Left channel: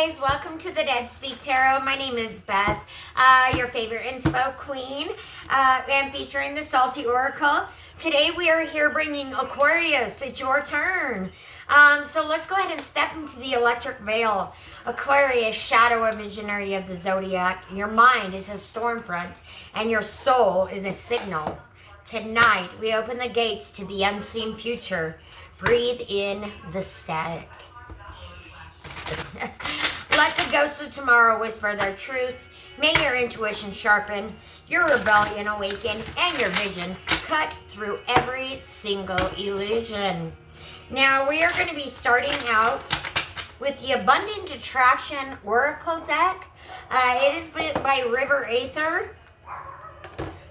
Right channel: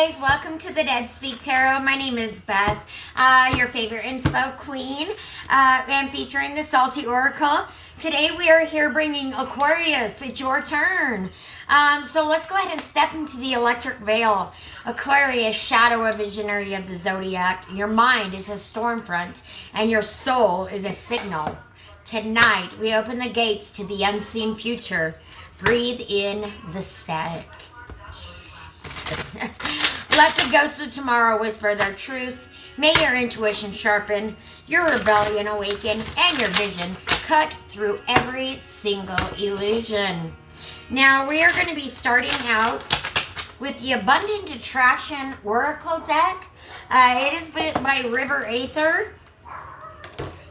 guys, welcome to the Dead Speak Tarot. My name is Beth, your favorite inspo queen, and featuring the Salty Oracle. Today we are here bringing Aquarius. It's your turn. So let's go ahead and step into the electric veil. Aquarius, shadow of visionary of the zodiac. Your mind is a storm front, and your soul is a signal. Tonight we open the gates to the unseen future. Breathe in the static. Let the ghosts of tomorrow whisper their truth. May your intuition sharpen, your rebellion awaken, and your vision cut through every single illusion. Now we are going to be starting out with the Abundant Attraction Oracle deck. It is by River Aether.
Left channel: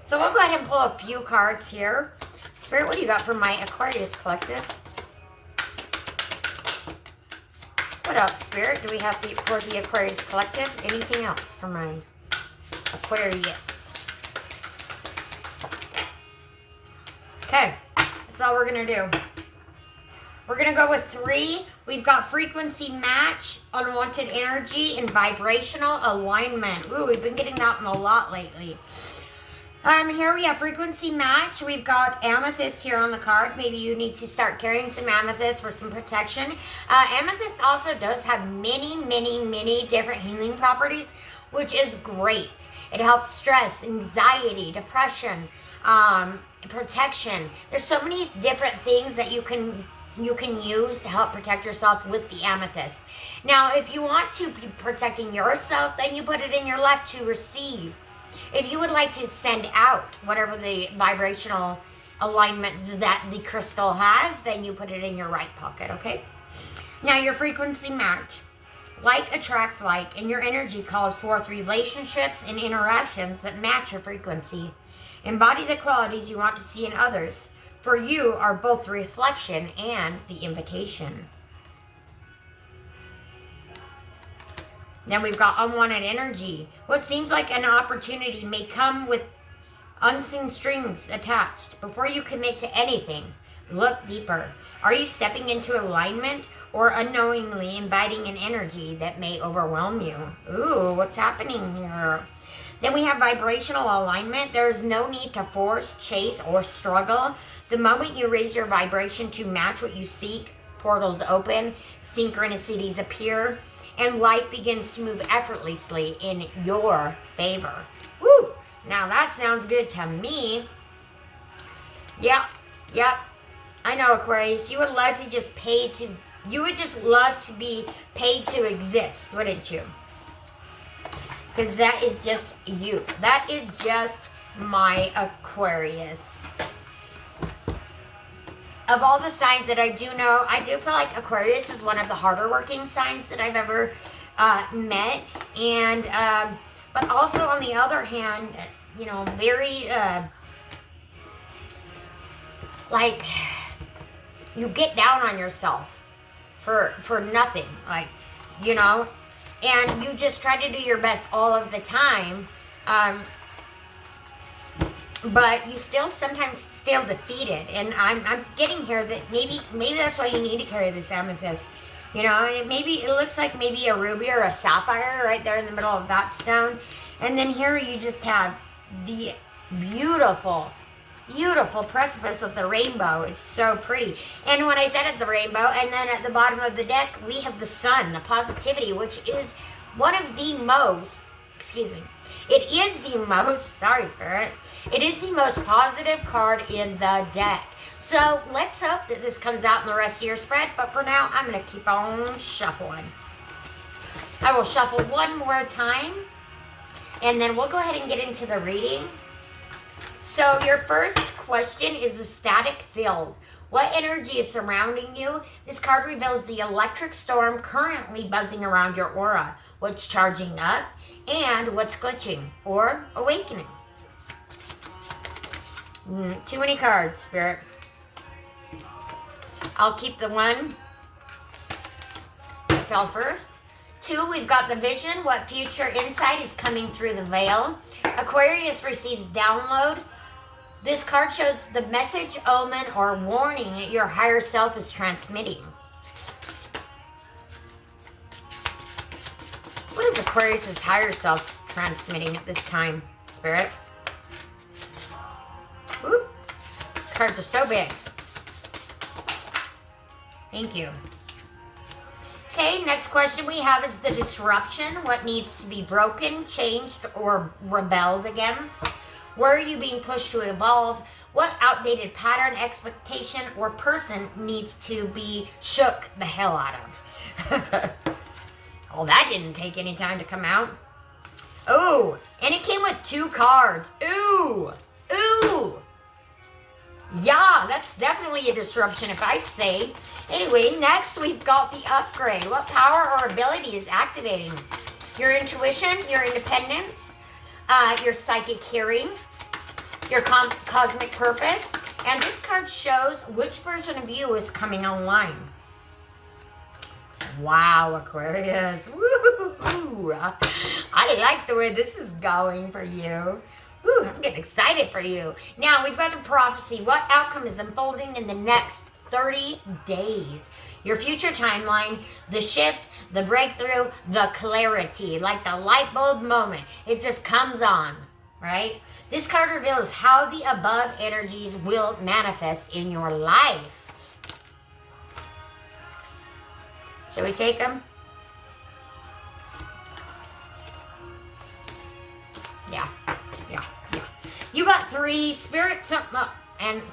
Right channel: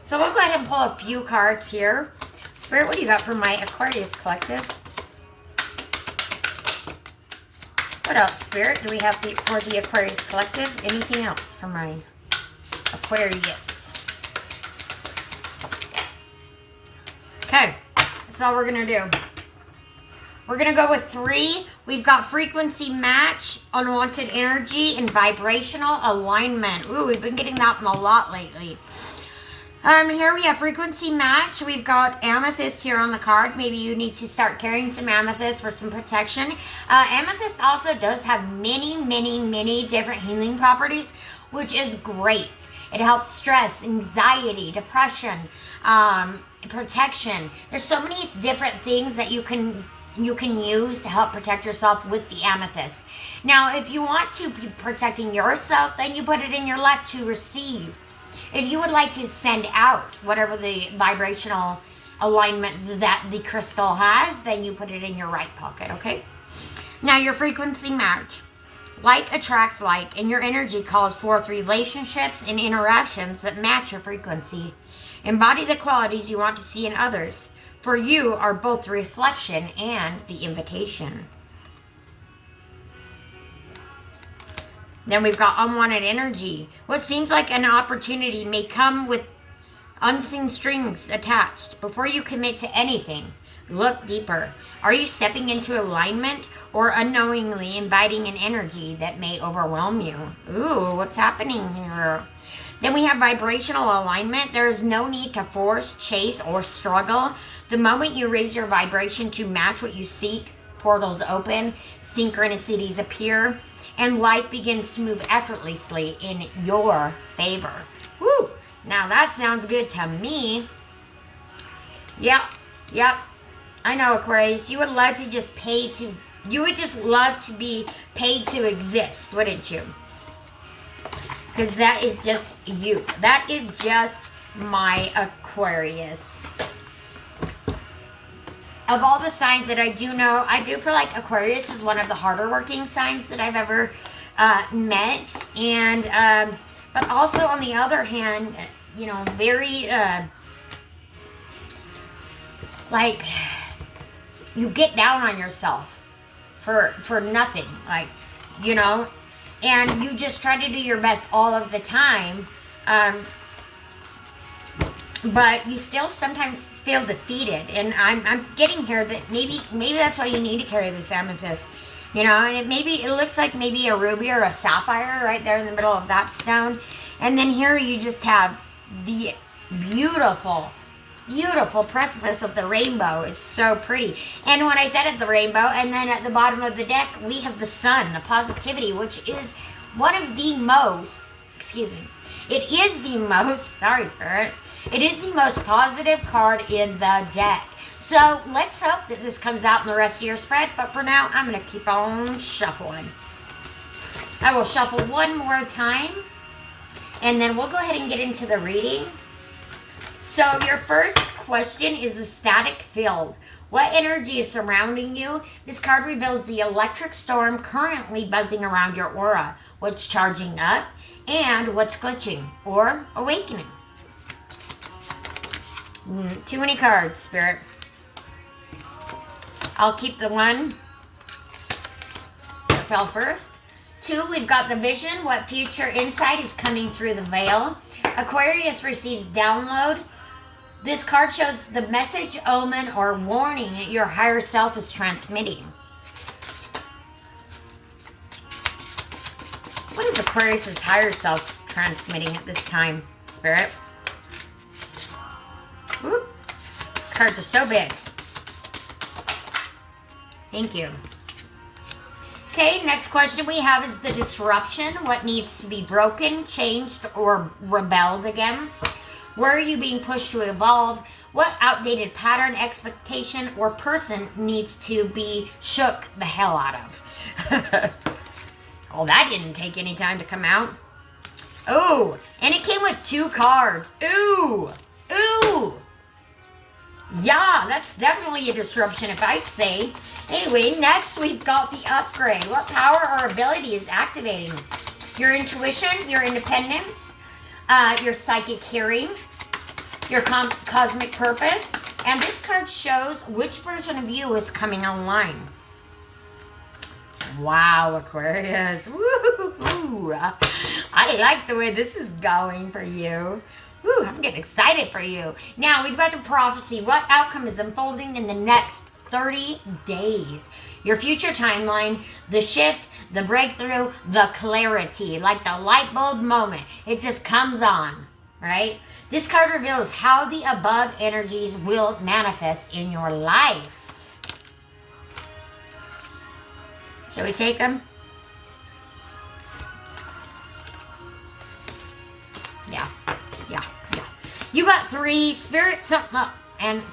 So we'll go ahead and pull a few cards here. Spirit, what do you got for my Aquarius collective? What else, Spirit, do we have for the Aquarius collective? Anything else for my Aquarius? Okay, that's all we're going to do. We're going to go with 3. We've got frequency match, unwanted energy, and vibrational alignment. Ooh, we've been getting that one a lot lately. Here we have frequency match. We've got amethyst here on the card. Maybe you need to start carrying some amethyst for some protection. Amethyst also does have many different healing properties, which is great. It helps stress, anxiety, depression, protection. There's so many different things that you can use to help protect yourself with the amethyst. Now, if you want to be protecting yourself, then you put it in your left to receive. If you would like to send out whatever the vibrational alignment that the crystal has, then you put it in your right pocket, okay? Now, your frequency match. Like attracts like, and your energy calls forth relationships and interactions that match your frequency. Embody the qualities you want to see in others, for you are both the reflection and the invitation. Then we've got unwanted energy. What seems like an opportunity may come with unseen strings attached. Before you commit to anything, look deeper. Are you stepping into alignment or unknowingly inviting an energy that may overwhelm you? Ooh, what's happening here? Then we have vibrational alignment. There is no need to force, chase, or struggle. The moment you raise your vibration to match what you seek, portals open, synchronicities appear, and life begins to move effortlessly in your favor. Woo! Now that sounds good to me. Yep. I know, Aquarius. You would love to just you would just love to be paid to exist, wouldn't you? Because that is just you. That is just my Aquarius. Of all the signs that I do know, I do feel like Aquarius is one of the harder working signs that I've ever met. And, but also on the other hand, you know, very, like, you get down on yourself for nothing. Like, you know, and you just try to do your best all of the time. But you still sometimes feel defeated, and I'm getting here that maybe that's why you need to carry this amethyst, you know. And it looks like maybe a ruby or a sapphire right there in the middle of that stone, and then here you just have the beautiful precipice of the rainbow. It's so pretty. And when I said at the rainbow, and then at the bottom of the deck we have the sun, the positivity, which is one of the most, it is the most, sorry, Spirit, it is the most positive card in the deck. So let's hope that this comes out in the rest of your spread. But for now, I'm going to keep on shuffling. I will shuffle one more time, and then we'll go ahead and get into the reading. So your first question is the static field. What energy is surrounding you? This card reveals the electric storm currently buzzing around your aura. What's charging up and what's glitching or awakening. Too many cards, Spirit. I'll keep the one that fell first. 2, we've got the vision. What future insight is coming through the veil? Aquarius receives download. This card shows the message, omen, or warning that your higher self is transmitting. What is Aquarius's higher self transmitting at this time, Spirit? Whoop. These cards are so big. Thank you. Okay, next question we have is the disruption. What needs to be broken, changed, or rebelled against? Where are you being pushed to evolve? What outdated pattern, expectation, or person needs to be shook the hell out of? Oh, that didn't take any time to come out. Oh, and it came with 2 cards. Ooh, ooh. Yeah, that's definitely a disruption if I say. Anyway, next we've got the upgrade. What power or ability is activating? Your intuition, your independence, your psychic hearing, your cosmic purpose. And this card shows which version of you is coming online. Wow, Aquarius. Woo! I like the way this is going for you. Woo, I'm getting excited for you. Now, we've got the prophecy. What outcome is unfolding in the next 30 days? Your future timeline, the shift, the breakthrough, the clarity, like the light bulb moment. It just comes on, right? This card reveals how the above energies will manifest in your life. Shall we take them? Yeah. You got 3, Spirit, something up, and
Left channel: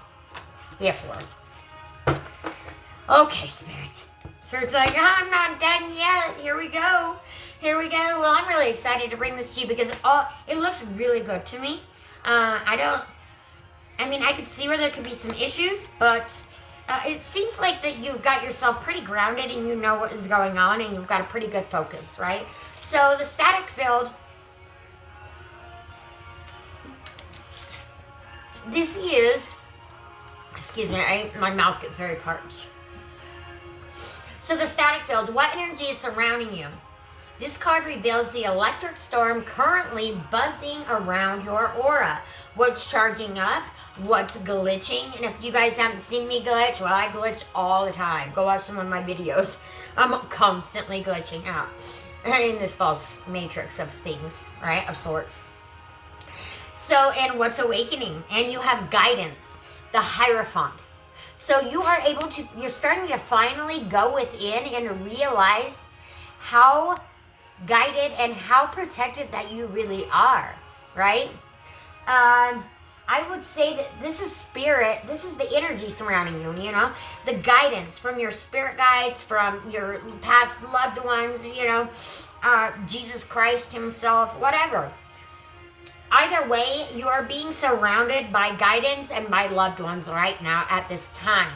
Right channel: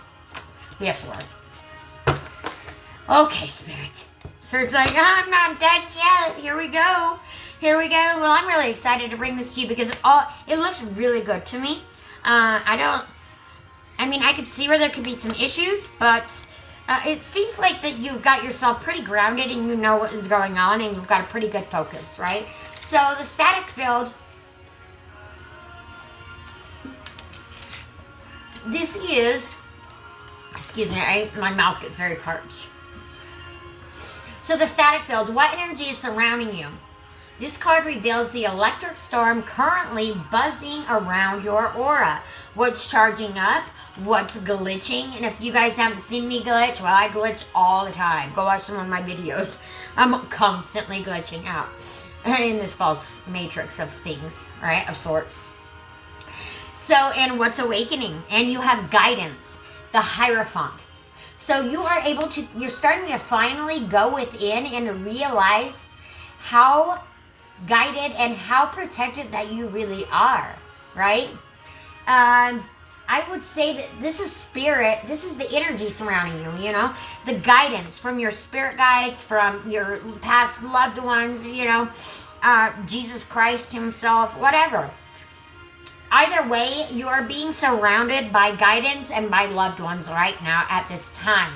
we have 4. Okay, Spirit. Spirit's like, I'm not done yet. Here we go. Well, I'm really excited to bring this to you because it looks really good to me. I could see where there could be some issues, but it seems like that you've got yourself pretty grounded and you know what is going on and you've got a pretty good focus, right? So the static field, this is, excuse me, my mouth gets very parched. So the static field, what energy is surrounding you? This card reveals the electric storm currently buzzing around your aura. What's charging up? What's glitching? And if you guys haven't seen me glitch, well, I glitch all the time. Go watch some of my videos. I'm constantly glitching out in this false matrix of things, right? Of sorts. So, and what's awakening? And you have guidance, the Hierophant. So you are able to, you're starting to finally go within and realize how guided and how protected that you really are, right? I would say that this is spirit, this is the energy surrounding you, you know? The guidance from your spirit guides, from your past loved ones, you know, Jesus Christ himself, whatever. Either way, you are being surrounded by guidance and by loved ones right now at this time.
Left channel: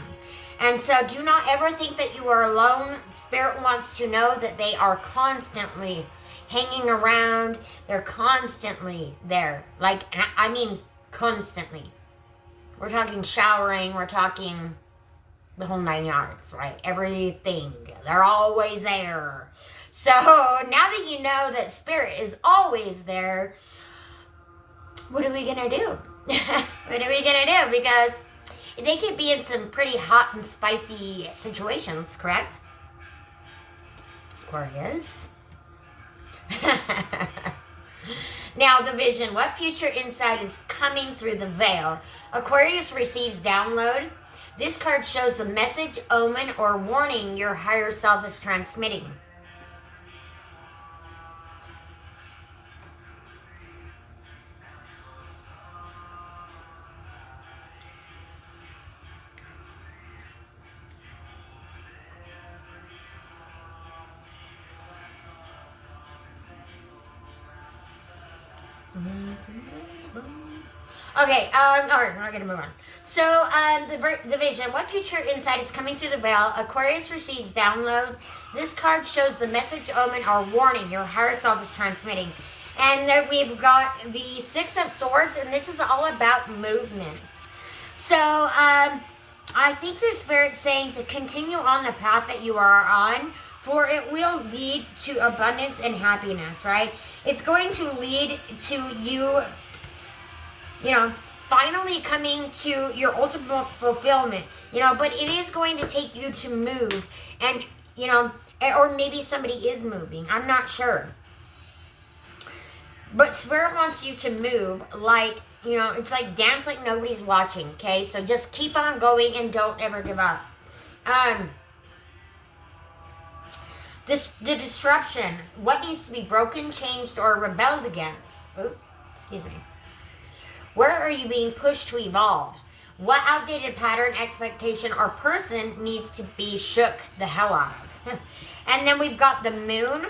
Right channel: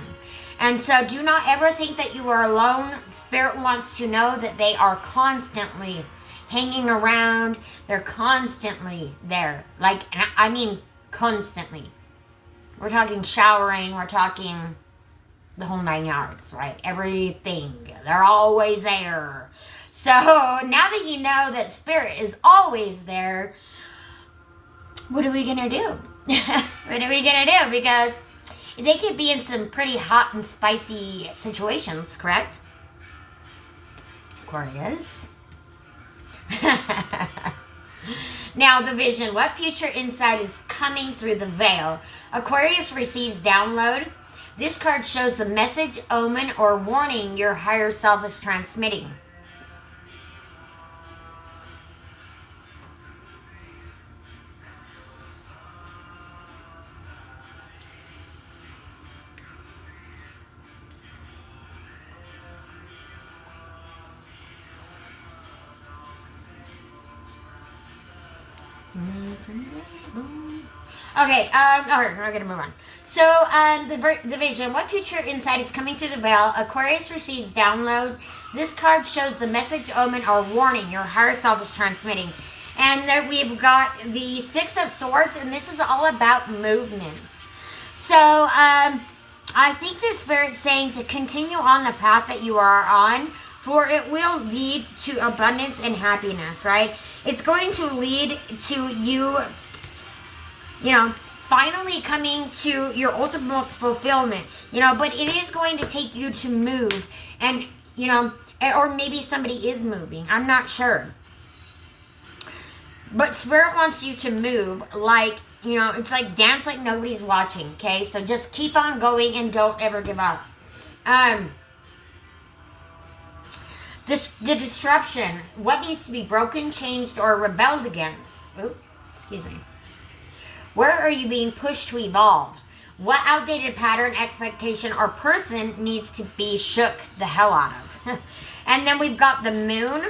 And so do not ever think that you are alone. Spirit wants to know that they are constantly hanging around. They're constantly there. Like, I mean, constantly. We're talking showering. We're talking the whole 9 yards, right? Everything. They're always there. So now that you know that Spirit is always there, what are we going to do? What are we going to do? Because they could be in some pretty hot and spicy situations, correct? Aquarius. Now, the vision. What future insight is coming through the veil? Aquarius receives download. This card shows the message, omen, or warning your higher self is transmitting. Okay, all right, we're gonna move on. So, the vision. What future insight is coming through the veil? Aquarius receives downloads. This card shows the message, omen, or warning your higher self is transmitting. And then we've got the 6 of Swords, and this is all about movement. So, I think the Spirit's saying to continue on the path that you are on, for it will lead to abundance and happiness, right? It's going to lead to you, you know, finally coming to your ultimate fulfillment, you know, but it is going to take you to move and, you know, or maybe somebody is moving. I'm not sure. But Spirit wants you to move like, you know, it's like dance like nobody's watching, okay? So just keep on going and don't ever give up. The disruption, what needs to be broken, changed, or rebelled against? Ooh, excuse me. Where are you being pushed to evolve? What outdated pattern, expectation, or person needs to be shook the hell out of? And then we've got the moon,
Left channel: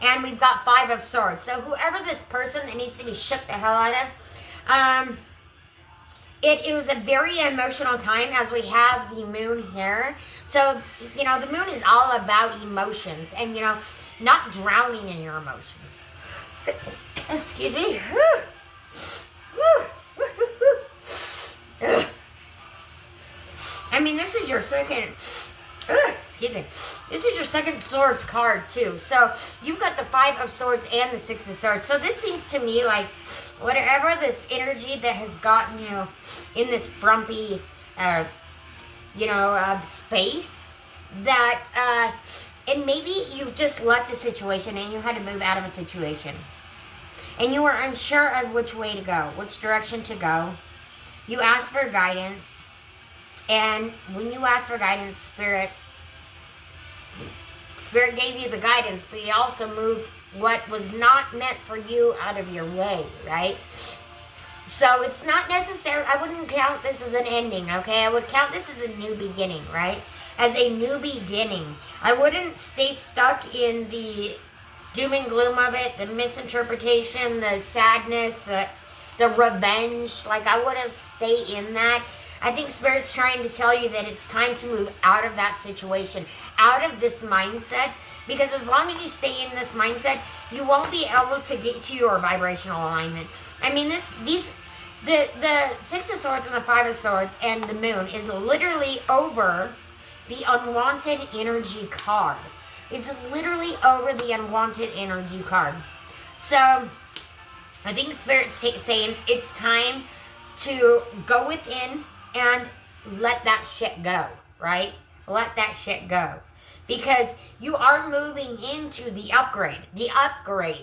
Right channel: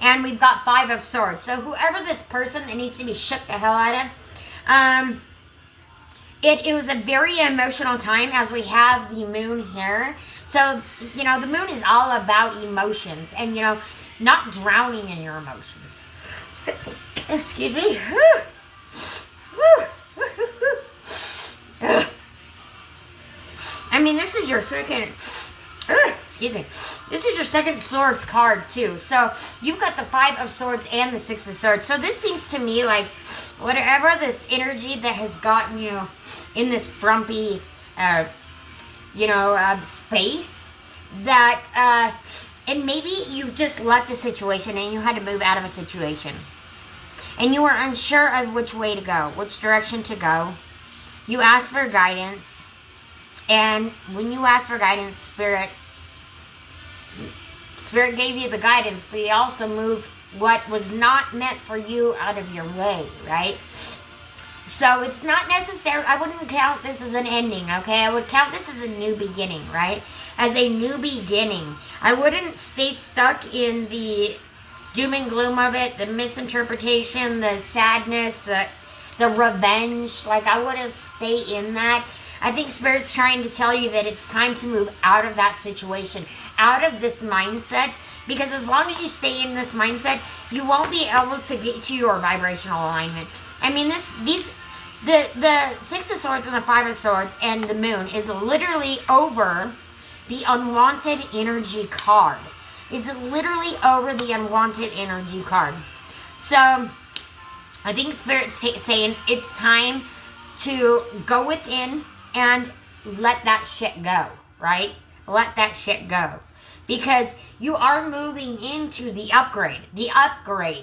and we've got 5 of swords. So whoever this person that needs to be shook the hell out of, it was a very emotional time as we have the moon here. So, you know, the moon is all about emotions and, you know, not drowning in your emotions. Excuse me. I mean, this is your second, excuse me, this is your second swords card too. So you've got the 5 of swords and the 6 of swords. So this seems to me like whatever this energy that has gotten you in this frumpy, space that, and maybe you just left a situation and you had to move out of a situation. And you were unsure of which way to go, which direction to go. You asked for guidance. And when you asked for guidance, Spirit gave you the guidance, but He also moved what was not meant for you out of your way, right? So it's not necessary. I wouldn't count this as an ending, okay? I would count this as a new beginning, right? As a new beginning. I wouldn't stay stuck in the doom and gloom of it, the misinterpretation, the sadness, the revenge. Like, I wouldn't stay in that. I think Spirit's trying to tell you that it's time to move out of that situation, out of this mindset, because as long as you stay in this mindset, you won't be able to get to your vibrational alignment. I mean, the 6 of swords and the 5 of swords and the moon is literally over the unwanted energy card. It's literally over the unwanted energy card. So I think Spirit's saying it's time to go within and let that shit go, right? Let that shit go. Because you are moving into the upgrade,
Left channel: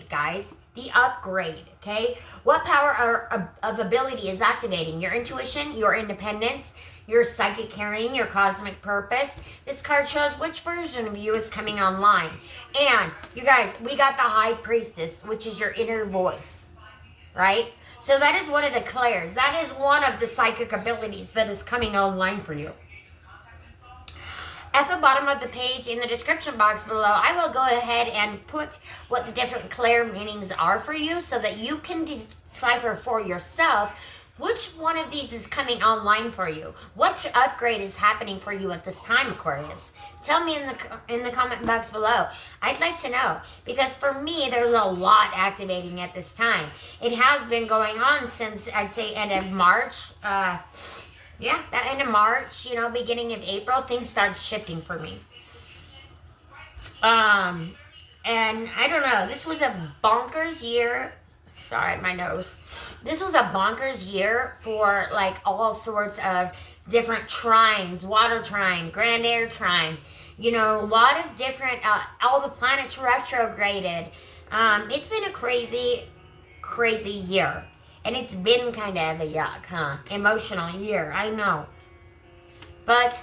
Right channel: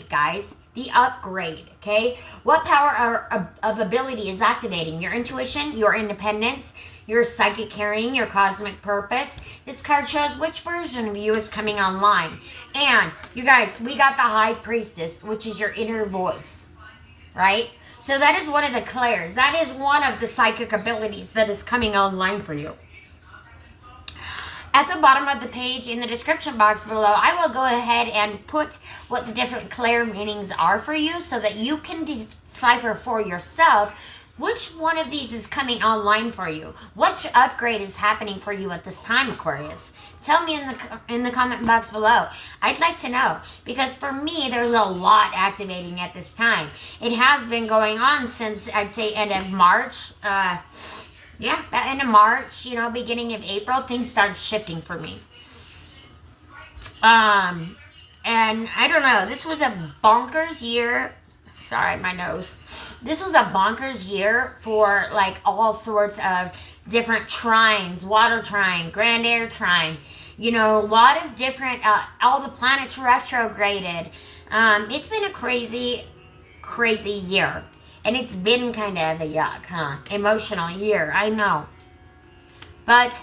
guys. The upgrade, okay? What power of ability is activating? Your intuition, your independence, your psychic carrying, your cosmic purpose. This card shows which version of you is coming online. And, you guys, we got the High Priestess, which is your inner voice, right? So that is one of the clairs. That is one of the psychic abilities that is coming online for you. At the bottom of the page in the description box below, I will go ahead and put what the different clair meanings are for you so that you can decipher for yourself which one of these is coming online for you. Which upgrade is happening for you at this time, Aquarius? Tell me in the comment box below. I'd like to know, because for me, there's a lot activating at this time. It has been going on since, I'd say, end of March. Yeah, that end of March, you know, beginning of April, things started shifting for me. And I don't know, this was a bonkers year. Sorry, my nose. This was a bonkers year for like all sorts of different trines, water trine, grand air trine, you know, a lot of different, all the planets retrograded. It's been a crazy, crazy year. And it's been kind of a yuck, huh? Emotional year, I know. But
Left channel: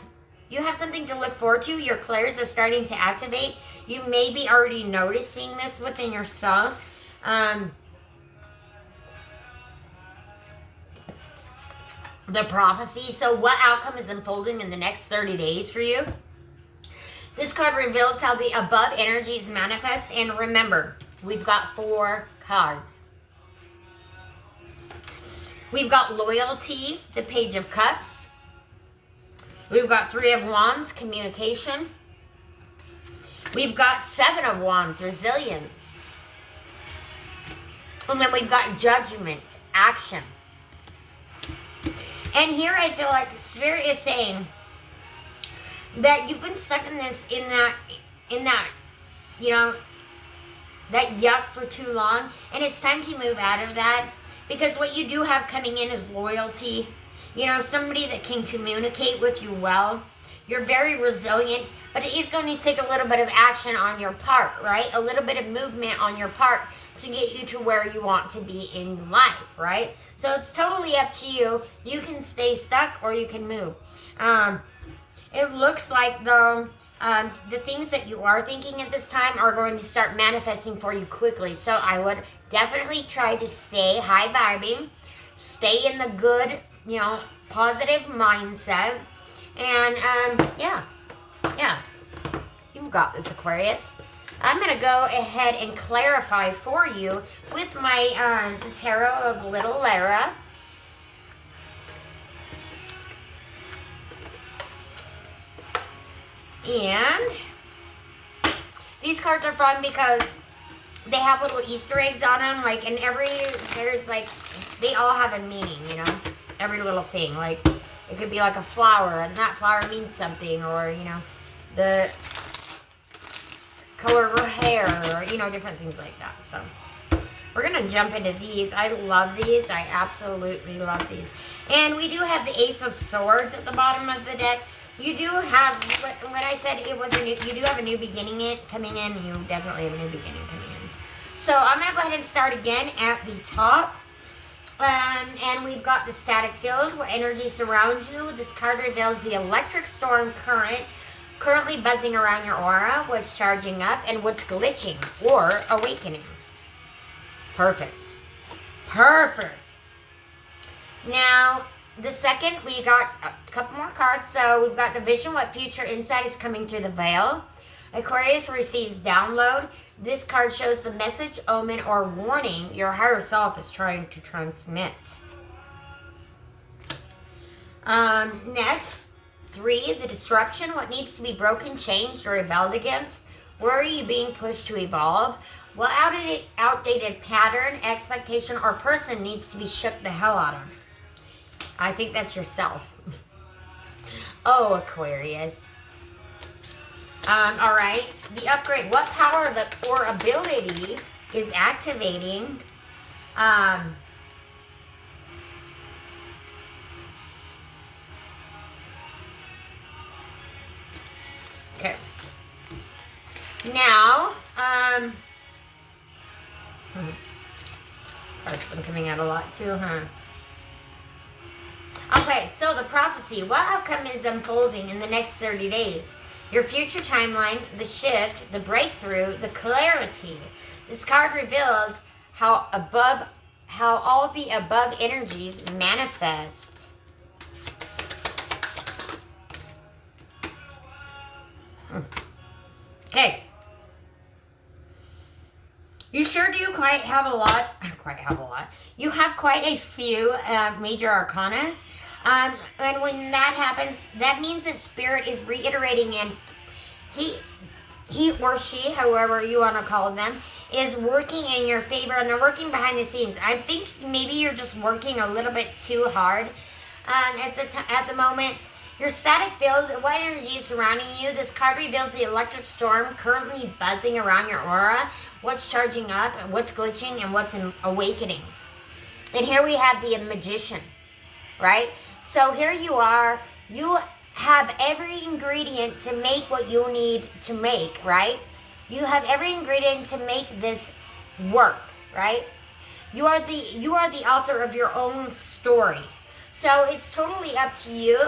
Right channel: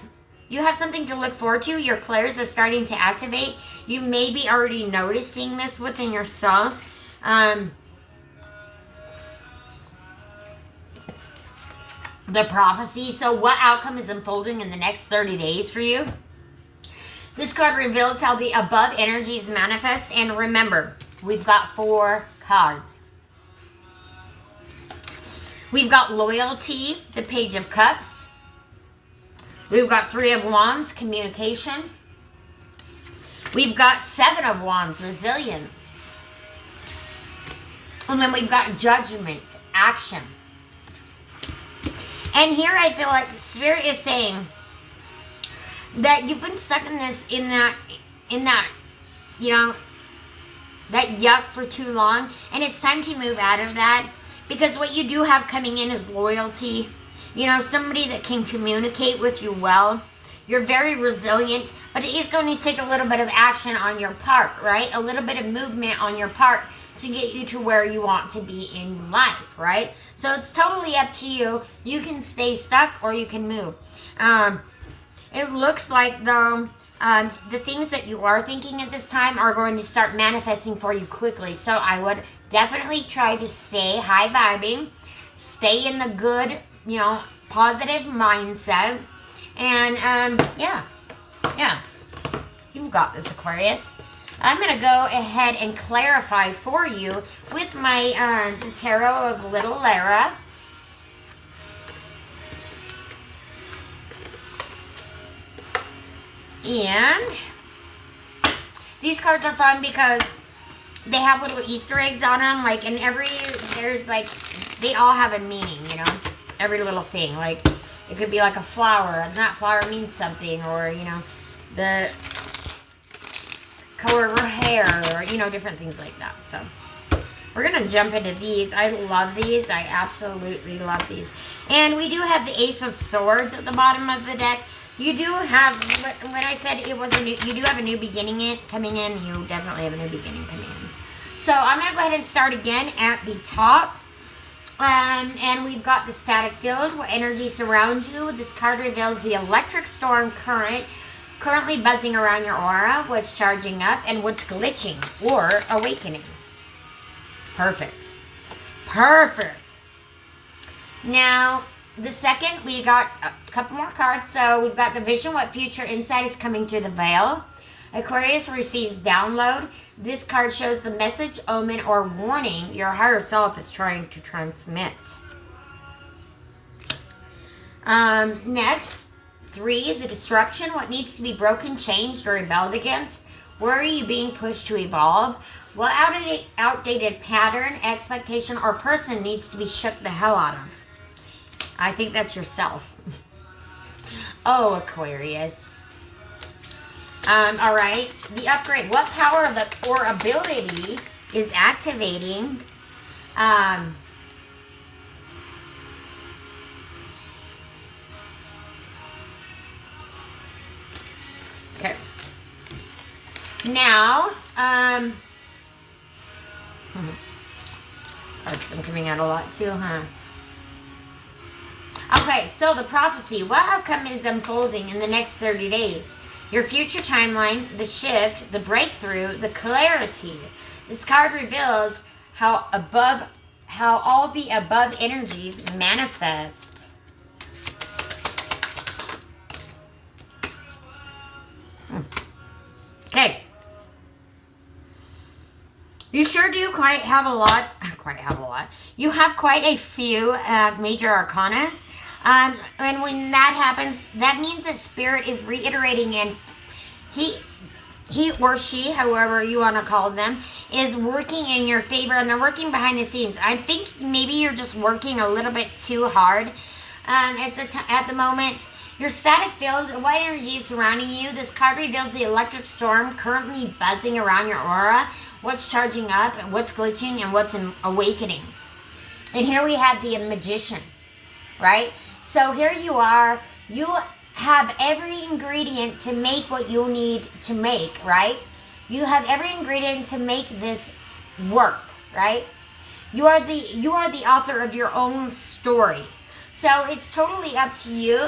you have something to look forward to. Your clairs are starting to activate. You may be already noticing this within yourself. The prophecy. So what outcome is unfolding in the next 30 days for you? This card reveals how the above energies manifest. And remember, we've got 4 cards. We've got loyalty, the Page of Cups. We've got 3 of Wands, communication. We've got 7 of Wands, resilience. And then we've got judgment, action. And here I feel like Spirit is saying that you've been stuck in this, in that, you know, that yuck for too long. And it's time to move out of that. Because what you do have coming in is loyalty. You know, somebody that can communicate with you well. You're very resilient, but it is going to take a little bit of action on your part, right? A little bit of movement on your part to get you to where you want to be in life, right? So it's totally up to you. You can stay stuck or you can move. It looks like, though, the things that you are thinking at this time are going to start manifesting for you quickly. So I would definitely try to stay high vibing, stay in the good, positive mindset. And yeah, you've got this, Aquarius. I'm going to go ahead and clarify for you with my the Tarot of Little Lara. And these cards are fun because they have little Easter eggs on them. Like, and there's like, they all have a meaning, every little thing. Like, it could be like a flower, and that flower means something, or, the color of her hair, or, different things like that. So, we're going to jump into these. I love these. I absolutely love these. And we do have the Ace of Swords at the bottom of the deck. You do have, when I said it was you do have a new beginning coming in. You definitely have a new beginning coming in. So I'm going to go ahead and start again at the top. And we've got the static field, where energy surrounds you. This card reveals the electric storm currently buzzing around your aura, what's charging up, and what's glitching or awakening. Perfect. Now, the second, we got a couple more cards. So we've got the vision, what future insight is coming through the veil. Aquarius receives download. This card shows the message, omen, or warning your higher self is trying to transmit. Next, 3, the disruption, what needs to be broken, changed, or rebelled against. Where are you being pushed to evolve? What outdated pattern, expectation, or person needs to be shook the hell out of? I think that's yourself. Oh, Aquarius. All right. The upgrade. What power or ability is activating? Okay. Now, Cards been coming out a lot too, huh? Okay, so the prophecy. What outcome is unfolding in the next 30 days? Your future timeline, the shift, the breakthrough, the clarity. This card reveals how all the above energies manifest. Okay. You sure do quite have a lot. You have quite a few major arcanas. And when that happens, that means that Spirit is reiterating, and he or she, however you want to call them, is working in your favor, and they're working behind the scenes. I think maybe you're just working a little bit too hard at the moment. Your static field, what energy is surrounding you? This card reveals the electric storm currently buzzing around your aura. What's charging up, what's glitching, and what's awakening. And here we have the Magician, right? So here you are. You have every ingredient to make what you need to make, right? You have every ingredient to make this work, right? You are the author of your own story. So it's totally up to you.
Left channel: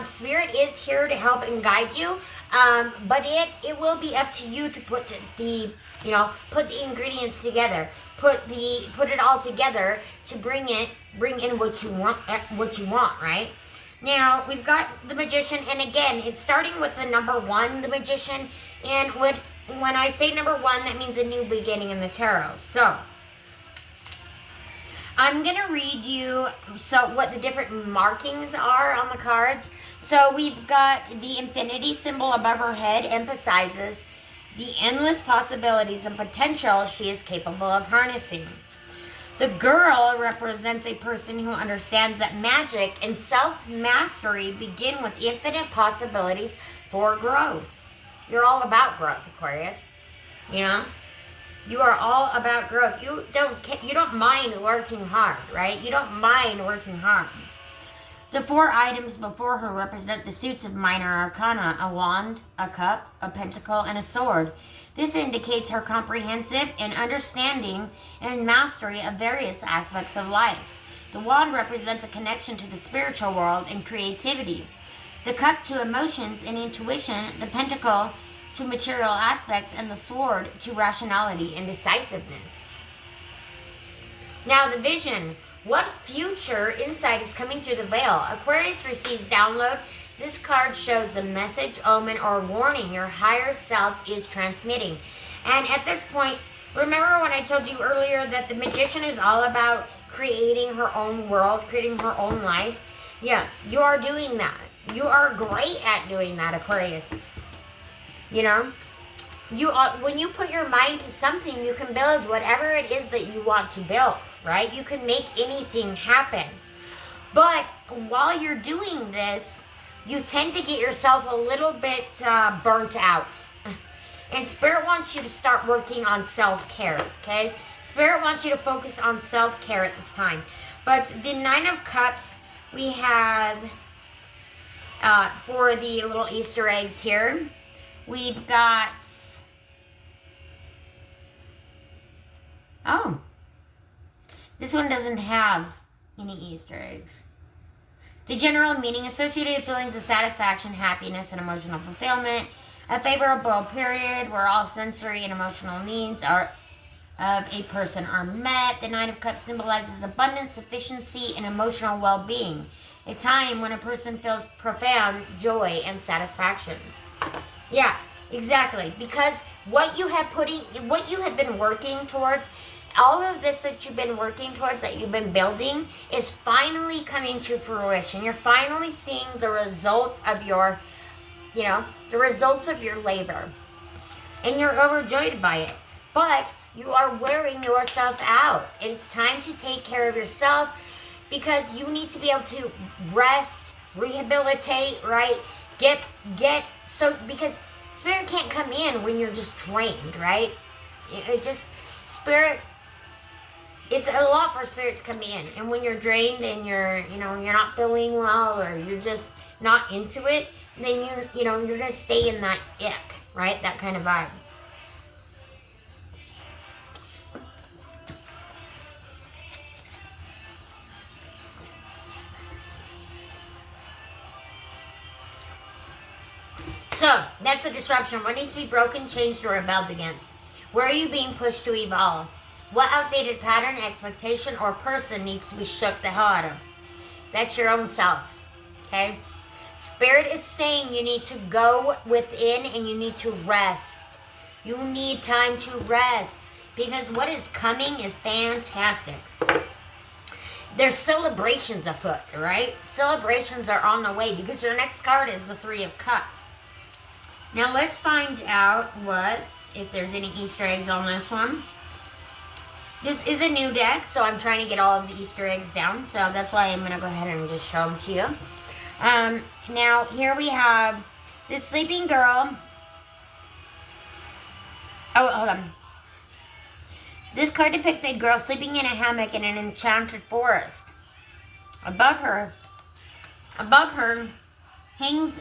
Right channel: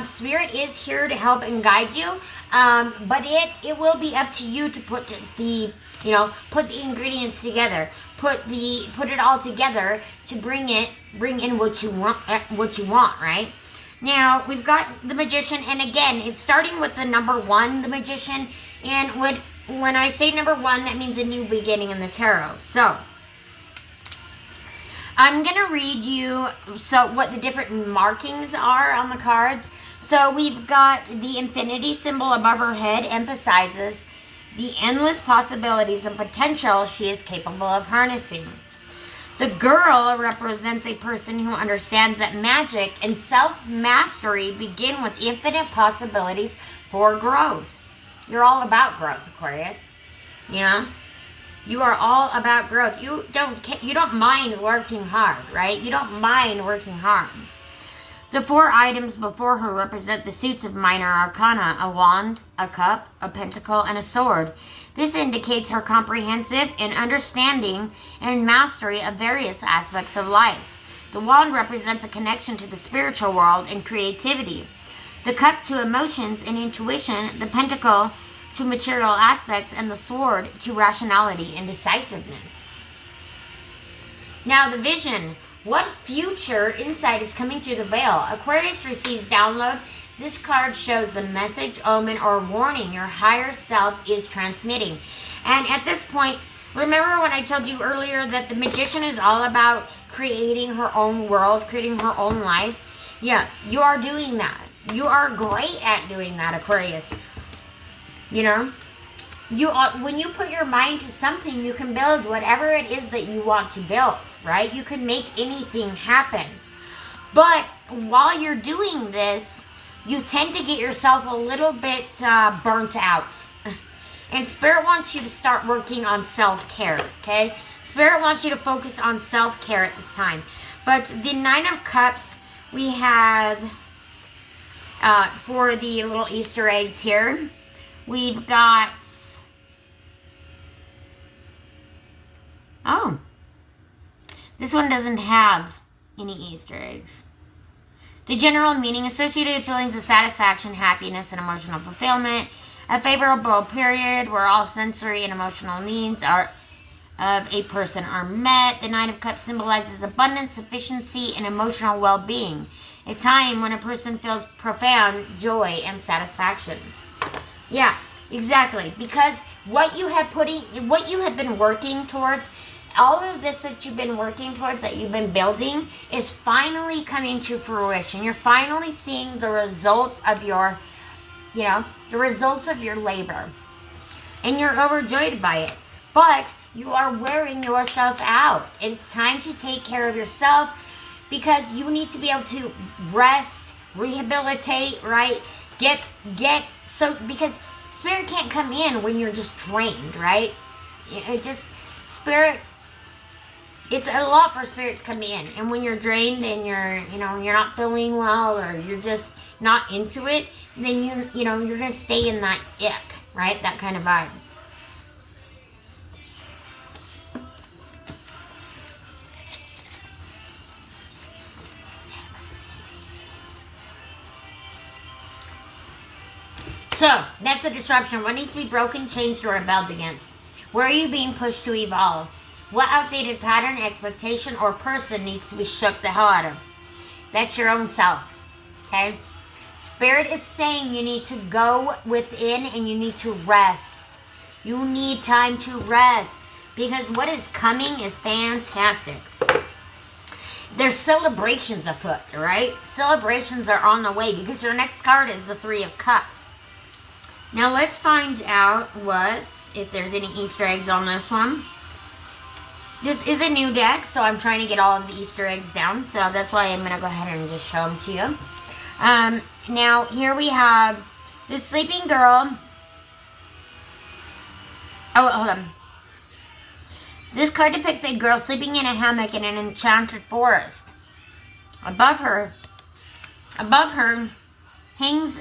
Spirit is here to help and guide you, but it will be up to you to put the ingredients together, put it all together to bring in what you want, right? Now we've got the Magician, and again, it's starting with the number 1, the Magician, and when I say number 1, that means a new beginning in the tarot. So I'm going to read you what the different markings are on the cards. So we've got the infinity symbol above her head emphasizes the endless possibilities and potential she is capable of harnessing. The girl represents a person who understands that magic and self-mastery begin with infinite possibilities for growth. You're all about growth, Aquarius. You are all about growth. You don't mind working hard, right? You don't mind working hard. The 4 items before her represent the suits of minor arcana: a wand, a cup, a pentacle, and a sword. This indicates her comprehensive and understanding and mastery of various aspects of life. The wand represents a connection to the spiritual world and creativity. The cup to emotions and intuition, the pentacle to material aspects, and the sword to rationality and decisiveness. Now the vision. What future insight is coming through the veil? Aquarius receives download. This card shows the message, omen, or warning your higher self is transmitting. And at this point, remember when I told you earlier that the magician is all about creating her own world, creating her own life? Yes, you are doing that. You are great at doing that, Aquarius. You know? When you put your mind to something, you can build whatever it is that you want to build, right? You can make anything happen. But while you're doing this, you tend to get yourself a little bit burnt out. And Spirit wants you to start working on self-care, okay? Spirit wants you to focus on self-care at this time. But the 9 of Cups, we have, for the little Easter eggs here, we've got... Oh, this one doesn't have any Easter eggs. The general meaning: associated feelings of satisfaction, happiness, and emotional fulfillment. A favorable period where all sensory and emotional needs of a person are met. The 9 of Cups symbolizes abundance, sufficiency, and emotional well-being. A time when a person feels profound joy and satisfaction. Yeah, exactly. Because what you have been working towards, all of this that you've been working towards, that you've been building, is finally coming to fruition. You're finally seeing the results of your, the results of your labor. And you're overjoyed by it. But you are wearing yourself out. It's time to take care of yourself, because you need to be able to rest, rehabilitate, right? Because Spirit can't come in when you're just drained, right? It's a lot for Spirit to come in. And when you're drained and you're not feeling well, or you're just not into it, then you're going to stay in that ick, right? That kind of vibe. So, that's a disruption. What needs to be broken, changed, or rebelled against? Where are you being pushed to evolve? What outdated pattern, expectation, or person needs to be shook the hell out of? That's your own self, okay? Spirit is saying you need to go within and you need to rest. You need time to rest, because what is coming is fantastic. There's celebrations afoot, right? Celebrations are on the way, because your next card is the 3 of Cups. Now let's find out if there's any Easter eggs on this one. This is a new deck, so I'm trying to get all of the Easter eggs down. So that's why I'm going to go ahead and just show them to you. Now, here we have this sleeping girl. Oh, hold on. This card depicts a girl sleeping in a hammock in an enchanted forest. Above her hangs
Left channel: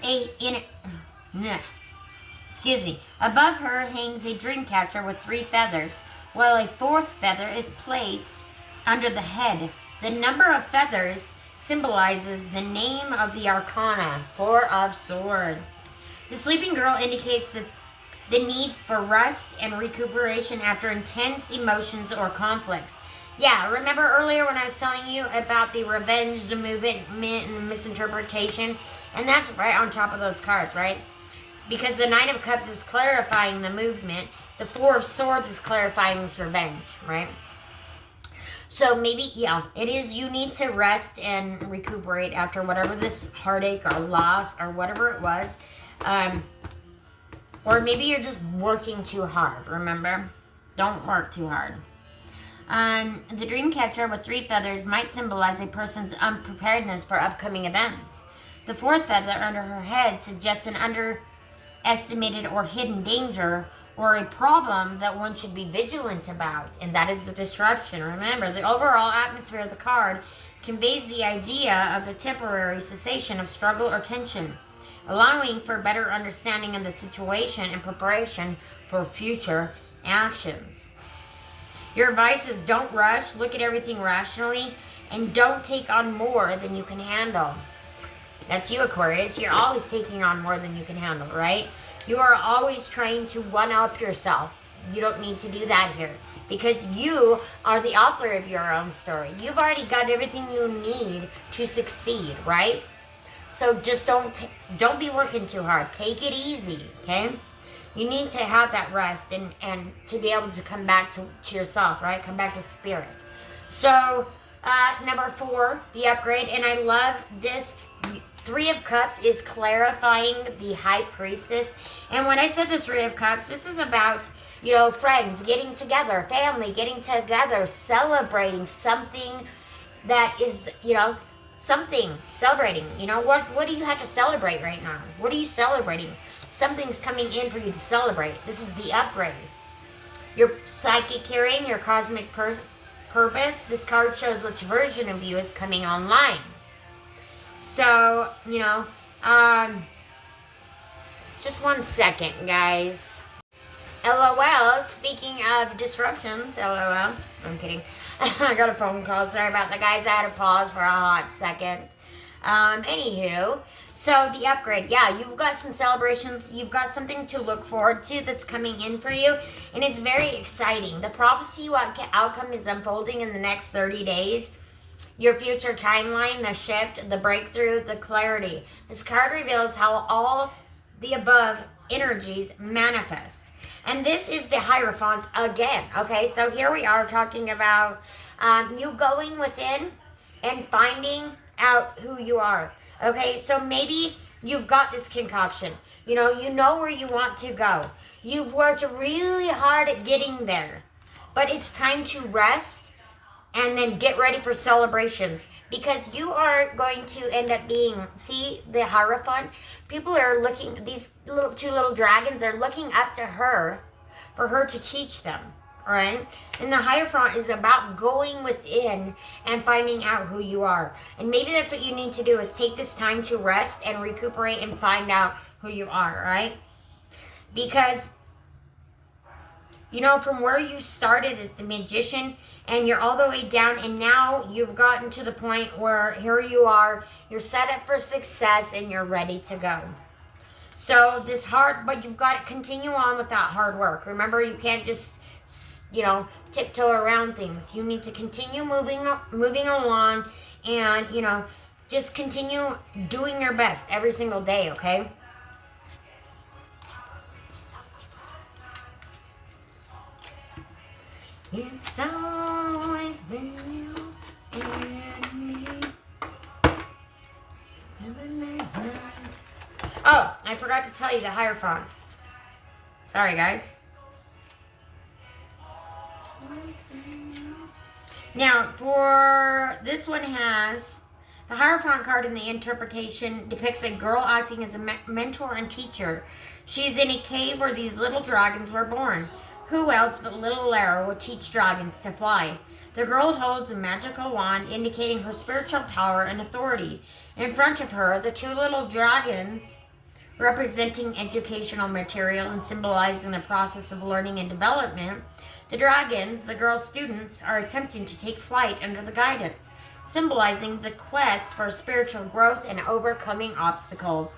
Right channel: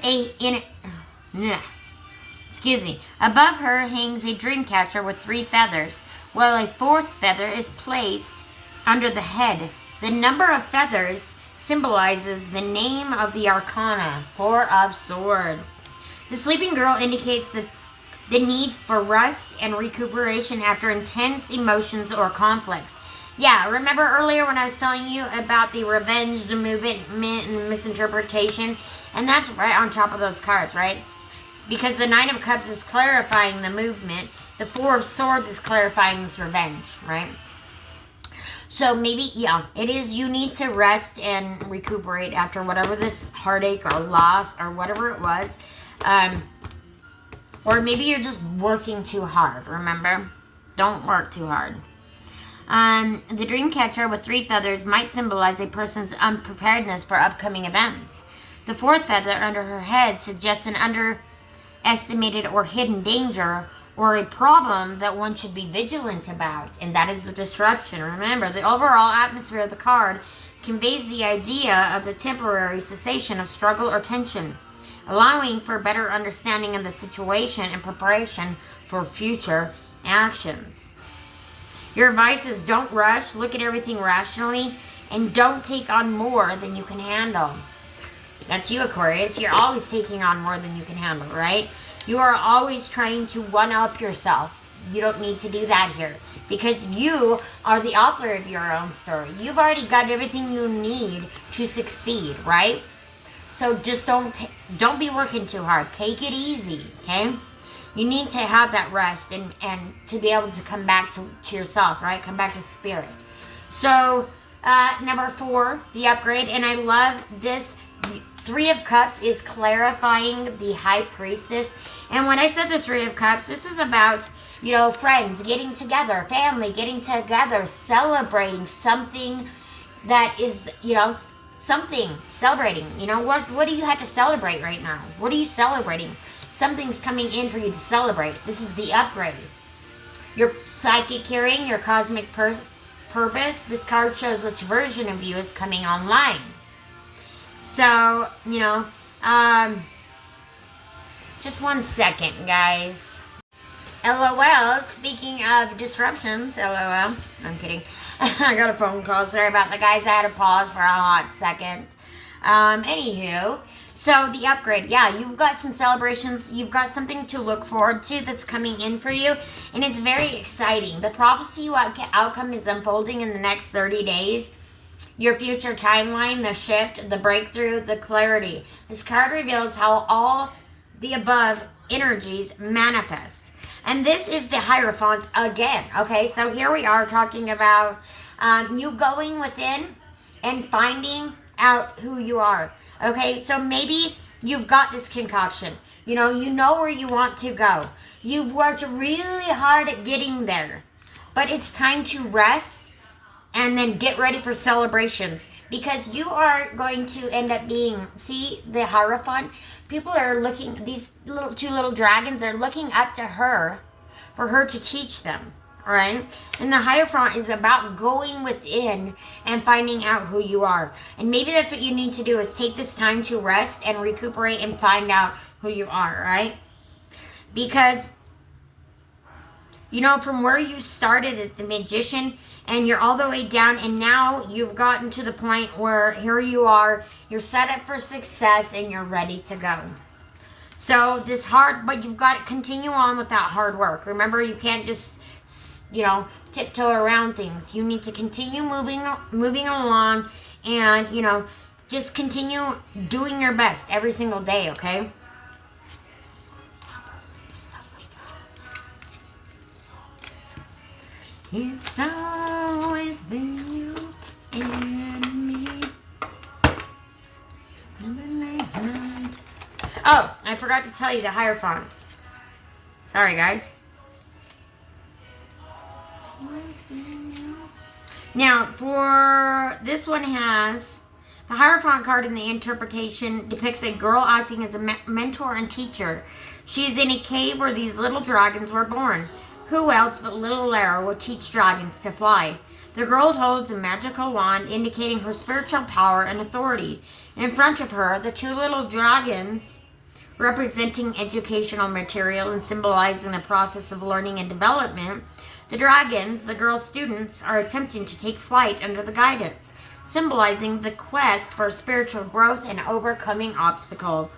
Above her hangs a dream catcher with 3 feathers, while a 4th feather is placed under the head. The number of feathers symbolizes the name of the arcana, 4 of Swords. The sleeping girl indicates the need for rest and recuperation after intense emotions or conflicts. Yeah, remember earlier when I was telling you about the revenge, the movement, and misinterpretation? And that's right on top of those cards, right? Because the 9 of Cups is clarifying the movement. The 4 of Swords is clarifying this revenge, right? So maybe, it is, you need to rest and recuperate after whatever this heartache or loss or whatever it was. Or maybe you're just working too hard, remember? Don't work too hard. The dream catcher with 3 feathers might symbolize a person's unpreparedness for upcoming events. The 4th feather under her head suggests an underestimated or hidden danger or a problem that one should be vigilant about, and that is the disruption. Remember, the overall atmosphere of the card conveys the idea of a temporary cessation of struggle or tension, allowing for better understanding of the situation and preparation for future actions. Your advice is don't rush, look at everything rationally, and don't take on more than you can handle. That's you, Aquarius. You're always taking on more than you can handle, right? You are always trying to one-up yourself. You don't need to do that here because you are the author of your own story. You've already got everything you need to succeed, right? So just don't be working too hard. Take it easy, okay? You need to have that rest and to be able to come back to yourself, right? Come back to spirit. So number 4, the upgrade, and I love this. 3 of Cups is clarifying the High Priestess. And when I said the 3 of Cups, this is about, you know, friends getting together, family getting together, celebrating something that is, you know, something, celebrating. You know, what do you have to celebrate right now? What are you celebrating? Something's coming in for you to celebrate. This is the upgrade. Your psychic hearing, your cosmic purpose. This card shows which version of you is coming online. So, you know, just 1 second, guys. LOL, speaking of disruptions, LOL, I'm kidding. I got a phone call, sorry about that, guys. I had to pause for a hot second. Anywho, so the upgrade, yeah, you've got some celebrations, you've got something to look forward to that's coming in for you, and it's very exciting. The prophecy outcome is unfolding in the next 30 days. Your future timeline, the shift, the breakthrough, the clarity. This card reveals how all the above energies manifest. And this is the Hierophant again. Okay, so here we are talking about you going within and finding out who you are. Okay, so maybe you've got this concoction. You know where you want to go. You've worked really hard at getting there. But it's time to rest and then get ready for celebrations, because you are going to end up being, see the Hierophant? People are looking, these two little dragons are looking up to her for her to teach them, right? And the Hierophant is about going within and finding out who you are. And maybe that's what you need to do, is take this time to rest and recuperate and find out who you are, right? Because, you know, from where you started at the Magician, and you're all the way down, and now you've gotten to the point where here you are, you're set up for success, and you're ready to go. So but you've got to continue on with that hard work. Remember, you can't just, you know, tiptoe around things. You need to continue moving along, and, you know, just continue doing your best every single day, okay? It's always been you and me. Oh, I forgot to tell you the Hierophant. Sorry, guys. Now, for this one has the Hierophant card in the interpretation depicts a girl acting as a mentor and teacher. She is in a cave where these little dragons were born. Who else but little Lara will teach dragons to fly? The girl holds a magical wand indicating her spiritual power and authority. In front of her, the 2 little dragons, representing educational material and symbolizing the process of learning and development. The dragons, the girl's students, are attempting to take flight under the guidance, symbolizing the quest for spiritual growth and overcoming obstacles.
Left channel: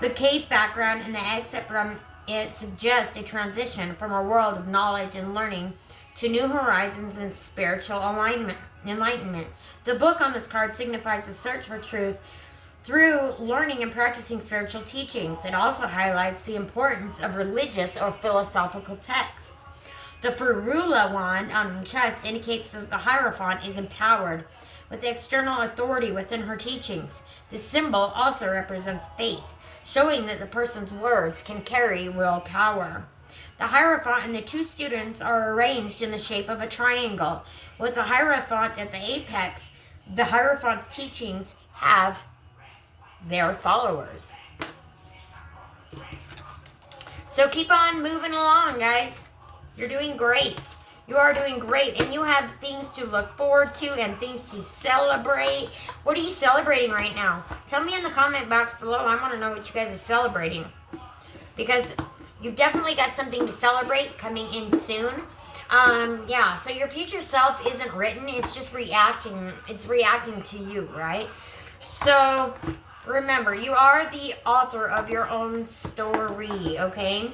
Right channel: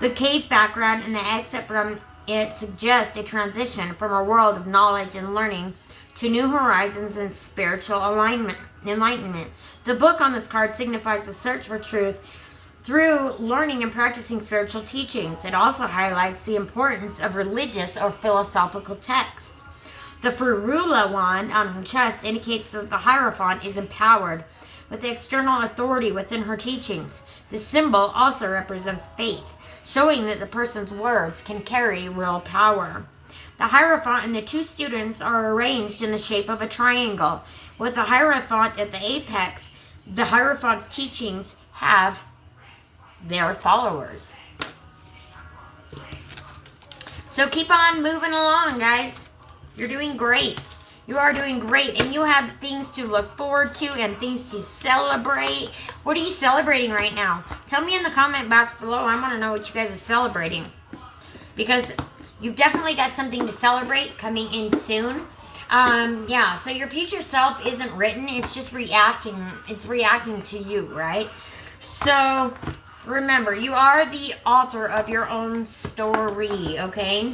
The cave background and the exit from it suggests a transition from a world of knowledge and learning to new horizons and spiritual enlightenment. The book on this card signifies the search for truth through learning and practicing spiritual teachings. It also highlights the importance of religious or philosophical texts. The Ferula wand on her chest indicates that the Hierophant is empowered with external authority within her teachings. The symbol also represents faith, showing that the person's words can carry real power. The Hierophant and the 2 students are arranged in the shape of a triangle. With the Hierophant at the apex, the Hierophant's teachings have their followers. So keep on moving along, guys. You're doing great. You are doing great, and you have things to look forward to and things to celebrate. What are you celebrating right now? Tell me in the comment box below. I want to know what you guys are celebrating, because you've definitely got something to celebrate coming in soon. Yeah, so your future self isn't written. It's just reacting. It's reacting to you, right? So remember, you are the author of your own story, okay?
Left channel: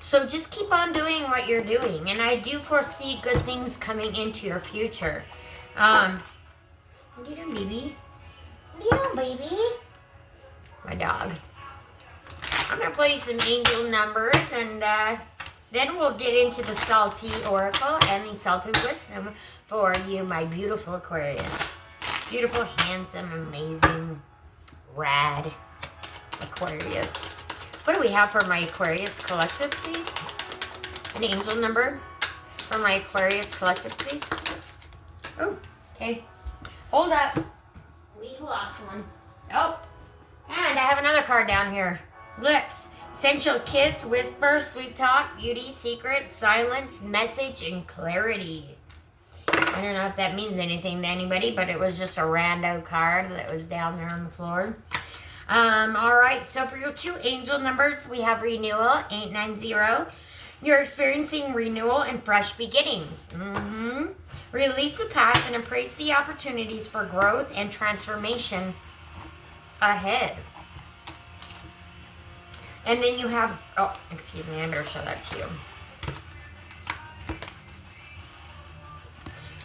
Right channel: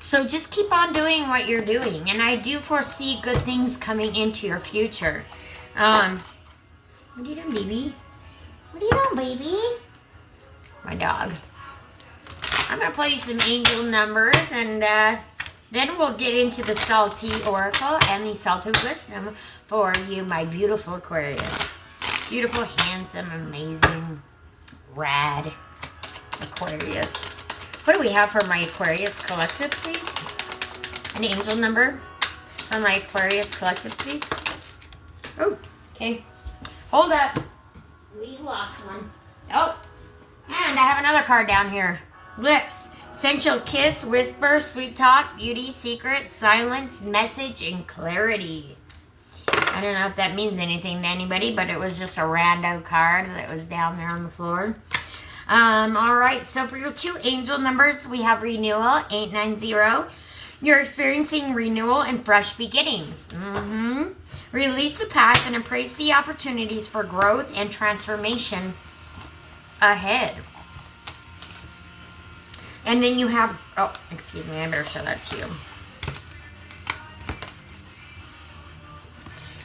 So just keep on doing what you're doing. And I do foresee good things coming into your future. What are you doing, baby? What are you doing, baby? My dog. I'm going to play you some angel numbers, and then we'll get into the salty oracle and the salty wisdom for you, my beautiful Aquarius. Beautiful, handsome, amazing, rad Aquarius. What do we have for my Aquarius collective, please? An angel number for my Aquarius collective, please. Oh, okay. Hold up. We lost one. Oh, and I have another card down here. Lips, sensual kiss, whisper, sweet talk, beauty, secret, silence, message, and clarity. I don't know if that means anything to anybody, but it was just a rando card that was down there on the floor. All right, so for your 2 angel numbers, we have renewal, 890. You're experiencing renewal and fresh beginnings. Release the past and embrace the opportunities for growth and transformation ahead. And then you have, oh, excuse me, I better show that to you.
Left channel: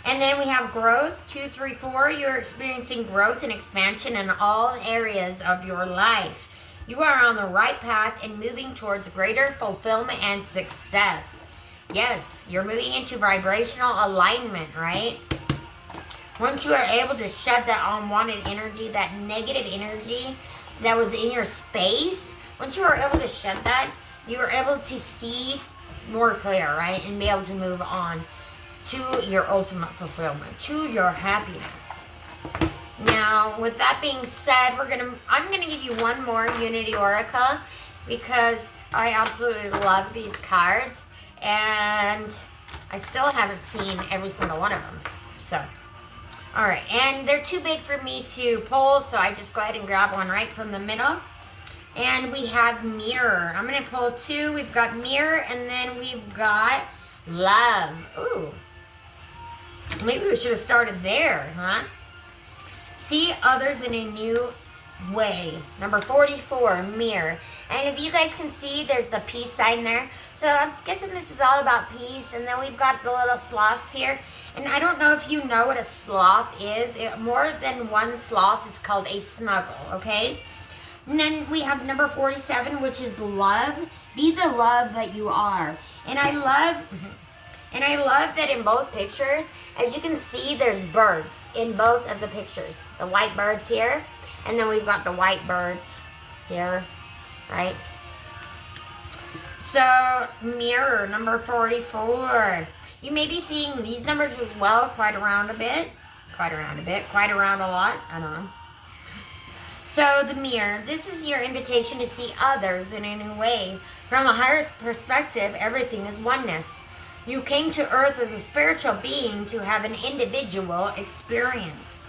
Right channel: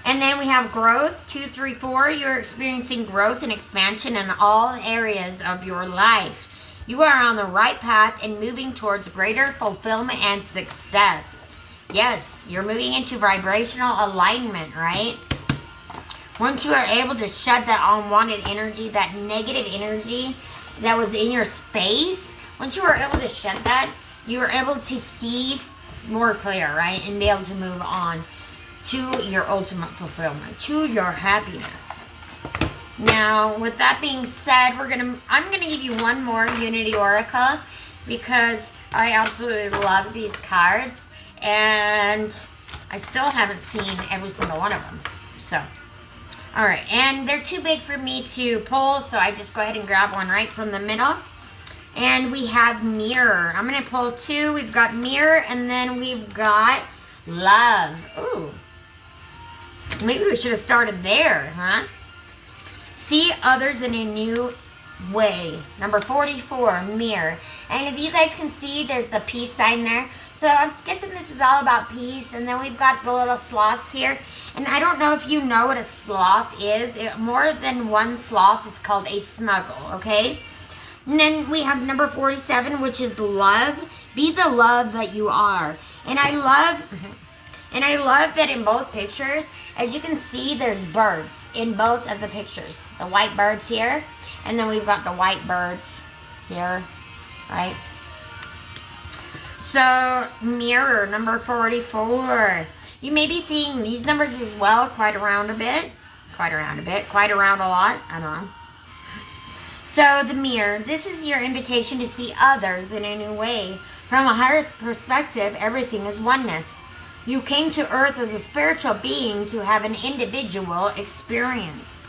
And then we have growth, 234. You're experiencing growth and expansion in all areas of your life. You are on the right path and moving towards greater fulfillment and success. Yes, you're moving into vibrational alignment, right? Once you are able to shed that unwanted energy, that negative energy that was in your space, once you are able to shed that, you are able to see more clear, right? And be able to move on to your ultimate fulfillment, to your happiness. Now, with that being said, I'm gonna give you one more Unity Oracle, because I absolutely love these cards, and I still haven't seen every single one of them. So, all right, and they're too big for me to pull, so I just go ahead and grab one right from the middle. And we have mirror. I'm gonna pull 2. We've got mirror, and then we've got love. Ooh. Maybe we should have started there, huh? See others in a new way. Number 44, mirror. And if you guys can see, there's the peace sign there. So I'm guessing this is all about peace. And then we've got the little sloths here. And I don't know if you know what a sloth is. More than one sloth is called a snuggle, okay? And then we have number 47, which is love. Be the love that you are. And I love that in both pictures, as you can see, there's birds in both of the pictures. The white birds here, and then we've got the white birds here, right? So, mirror, number 44. You may be seeing these numbers as well, quite around a lot, I don't know. So, the mirror, this is your invitation to see others in a new way. From a higher perspective, everything is oneness. You came to earth as a spiritual being to have an individual experience.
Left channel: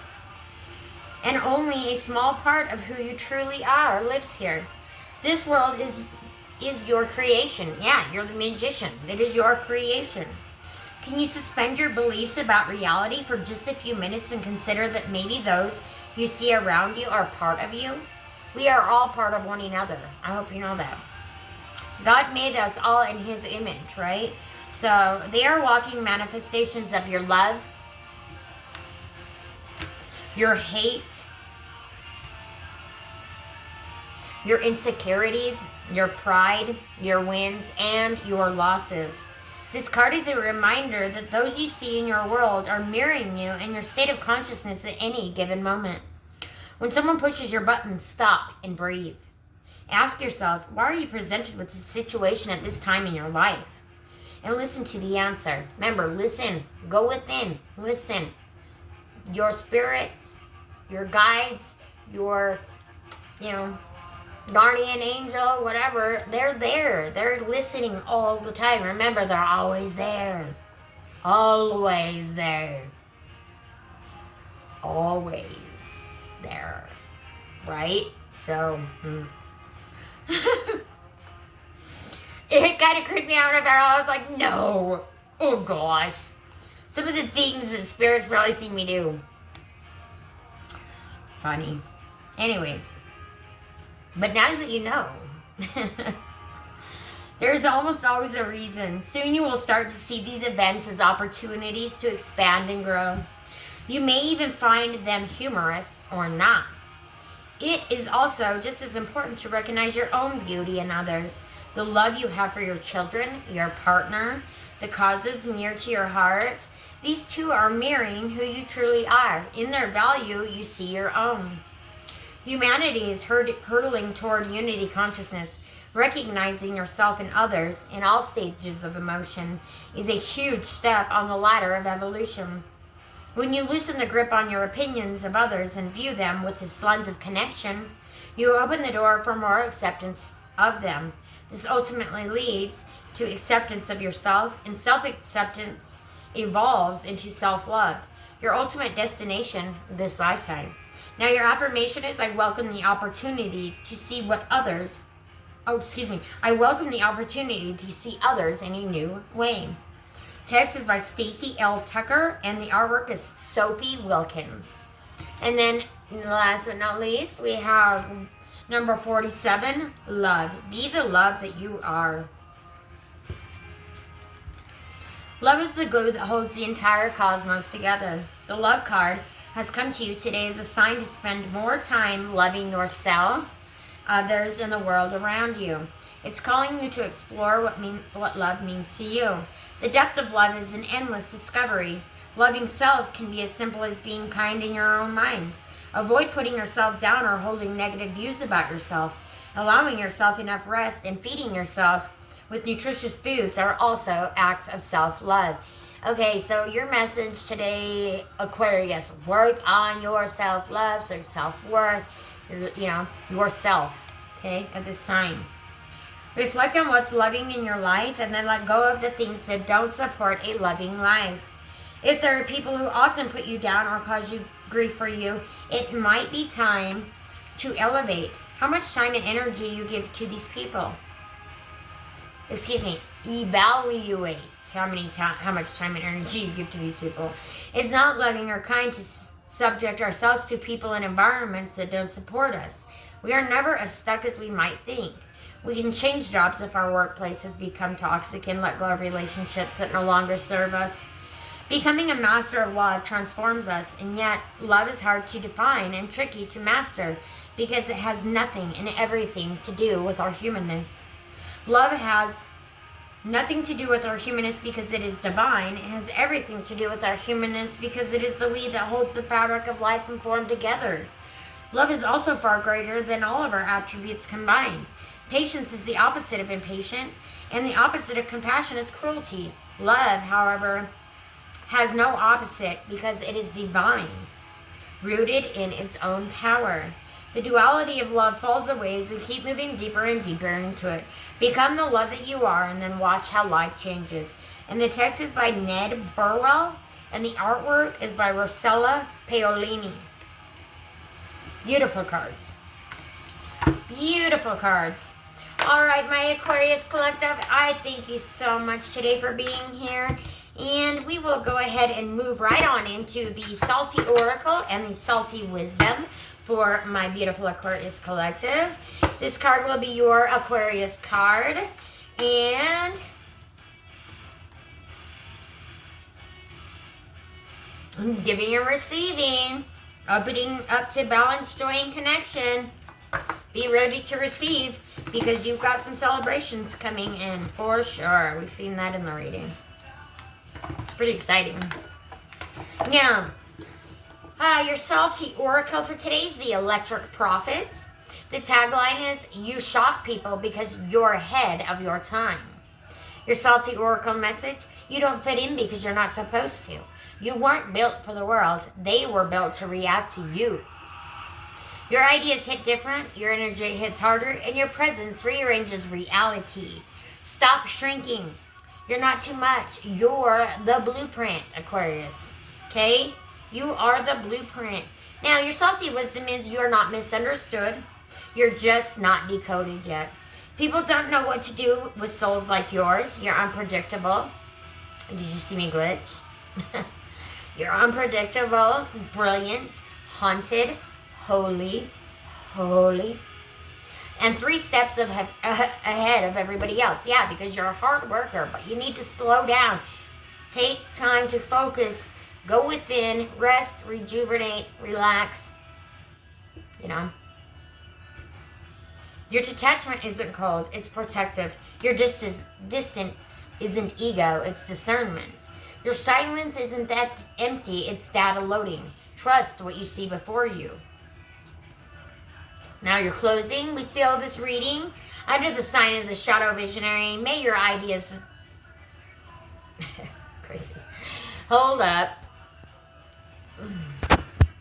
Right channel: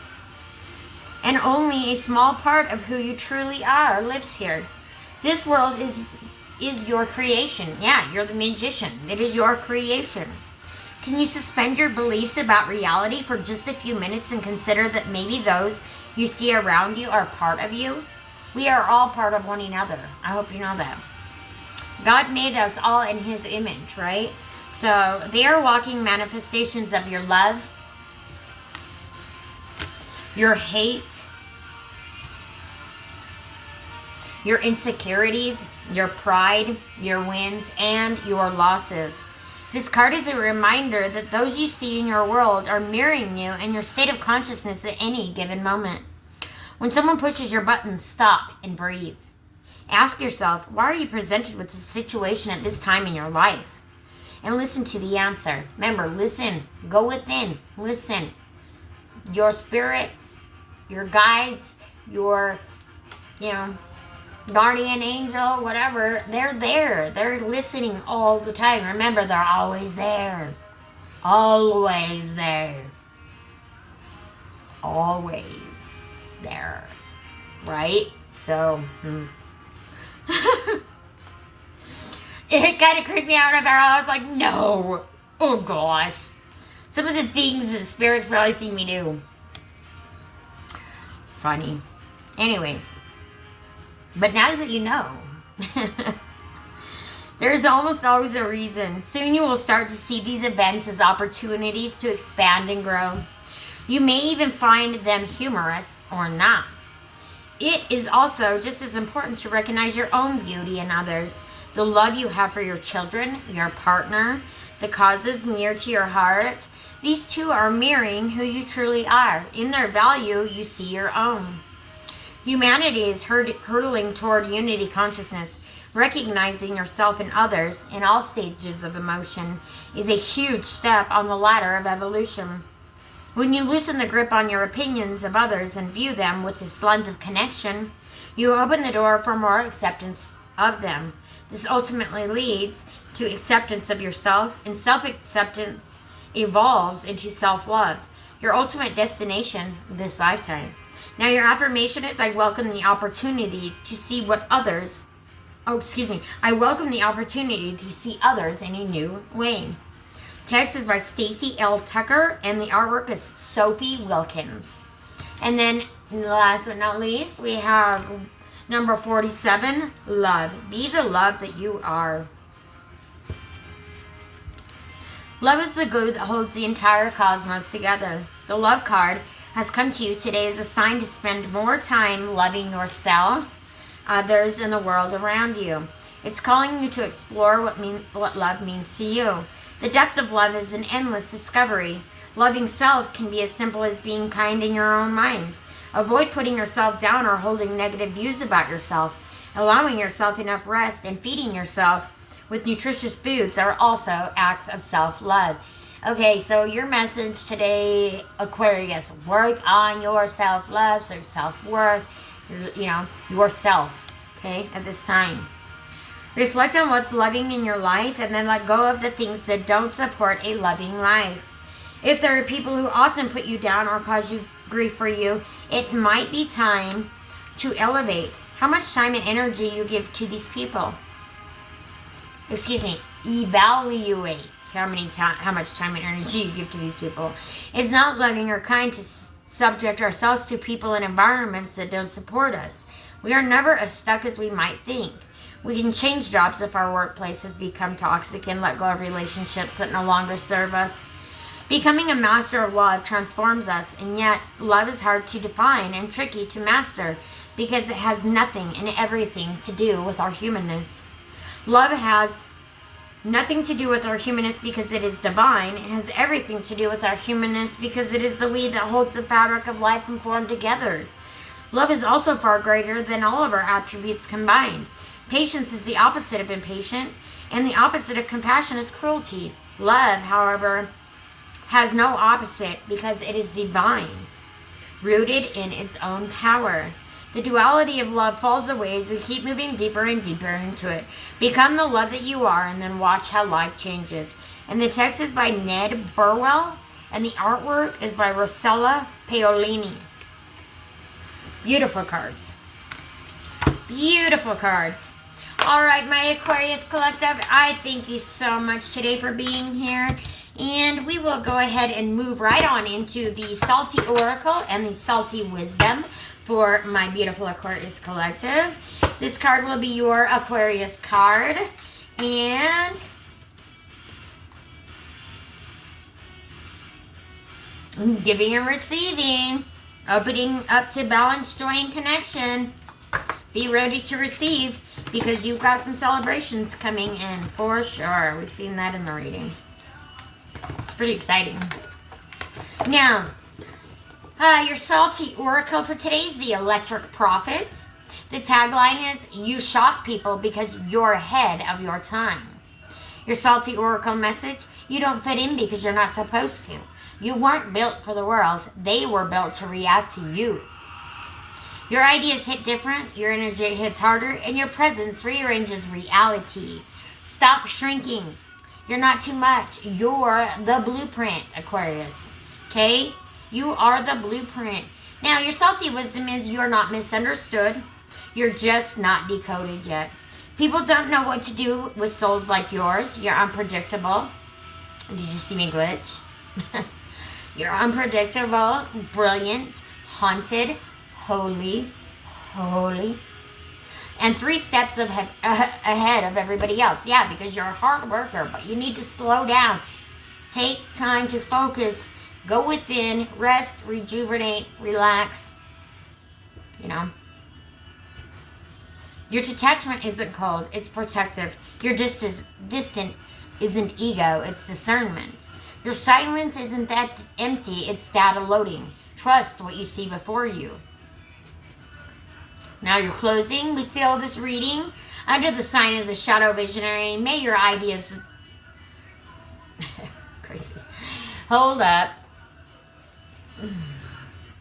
And only a small part of who you truly are lives here. This world is your creation. Yeah, you're the magician. It is your creation. Can you suspend your beliefs about reality for just a few minutes and consider that maybe those you see around you are part of you? We are all part of one another. I hope you know that. God made us all in His image, right? So they are walking manifestations of your love, your hate, your insecurities, your pride, your wins, and your losses. This card is a reminder that those you see in your world are mirroring you and your state of consciousness at any given moment. When someone pushes your button, stop and breathe. Ask yourself, why are you presented with this situation at this time in your life? And listen to the answer. Remember, listen. Go within. Listen. Your spirits, your guides, your, guardian angel, whatever, they're there. They're listening all the time. Remember, they're always there. Always there. Always there. Right? So, it kind of creeped me out. I was like, no. Oh, gosh. Some of the things that spirits probably see me do. Funny. Anyways. But now that you know, there's almost always a reason. Soon you will start to see these events as opportunities to expand and grow. You may even find them humorous or not. It is also just as important to recognize your own beauty in others, the love you have for your children, your partner, the causes near to your heart. These two are mirroring who you truly are. In their value, you see your own. Humanity is hurtling toward unity consciousness. Recognizing yourself and others in all stages of emotion is a huge step on the ladder of evolution. When you loosen the grip on your opinions of others and view them with this lens of connection, you open the door for more acceptance of them. This ultimately leads to acceptance of yourself, and self-acceptance evolves into self-love, your ultimate destination this lifetime. Now your affirmation is, I welcome the opportunity to see others in a new way. Text is by Stacy L. Tucker, and the artwork is Sophie Wilkins. And then last but not least, we have number 47, love. Be the love that you are. Love is the glue that holds the entire cosmos together. The love card has come to you today as a sign to spend more time loving yourself, others, and the world around you. It's calling you to explore what love means to you. The depth of love is an endless discovery. Loving self can be as simple as being kind in your own mind. Avoid putting yourself down or holding negative views about yourself. Allowing yourself enough rest and feeding yourself with nutritious foods are also acts of self-love. Okay, so your message today, Aquarius, work on your self-love, so self-worth, yourself, okay, at this time. Reflect on what's loving in your life and then let go of the things that don't support a loving life. If there are people who often put you down or cause you grief for you, it might be time to elevate how much time and energy you give to these people. Evaluate how much time and energy you give to these people. It's not loving or kind to subject ourselves to people and environments that don't support us. We are never as stuck as we might think. We can change jobs if our workplace has become toxic and let go of relationships that no longer serve us. Becoming a master of love transforms us, and yet love is hard to define and tricky to master because it has nothing and everything to do with our humanness. Love has nothing to do with our humanness because it is divine. It has everything to do with our humanness because it is the we that holds the fabric of life and form together. Love is also far greater than all of our attributes combined. Patience is the opposite of impatient, and the opposite of compassion is cruelty. Love, however, has no opposite because it is divine, rooted in its own power. The duality of love falls away as we keep moving deeper and deeper into it. Become the love that you are, and then watch how life changes. And the text is by Ned Burwell, and the artwork is by Rosella Paolini. Beautiful cards. Beautiful cards. All right, my Aquarius Collective, I thank you so much today for being here. And we will go ahead and move right on into the Salty Oracle and the Salty Wisdom for my beautiful Aquarius Collective. This card will be your Aquarius card. And giving and receiving. Opening up to balance, joy, and connection. Be ready to receive because you've got some celebrations coming in for sure. We've seen that in the reading. It's pretty exciting. Now, your Salty Oracle for today is the Electric Prophet. The tagline is, you shock people because you're ahead of your time. Your Salty Oracle message, you don't fit in because you're not supposed to. You weren't built for the world. They were built to react to you. Your ideas hit different, your energy hits harder, and your presence rearranges reality. Stop shrinking. You're not too much. You're the blueprint, Aquarius. Okay? You are the blueprint. Now, your salty wisdom is you're not misunderstood. You're just not decoded yet. People don't know what to do with souls like yours. You're unpredictable. Did you see me glitch? You're unpredictable, brilliant, haunted, holy, and 3 steps ahead of everybody else. Yeah, because you're a hard worker, but you need to slow down. Take time to focus. Go within, rest, rejuvenate, relax. You know. Your detachment isn't cold, it's protective. Your distance isn't ego, it's discernment. Your silence isn't that empty, it's data loading. Trust what you see before you. Now you're closing. We seal this reading under the sign of the Shadow Visionary. May your ideas... Crazy. Hold up.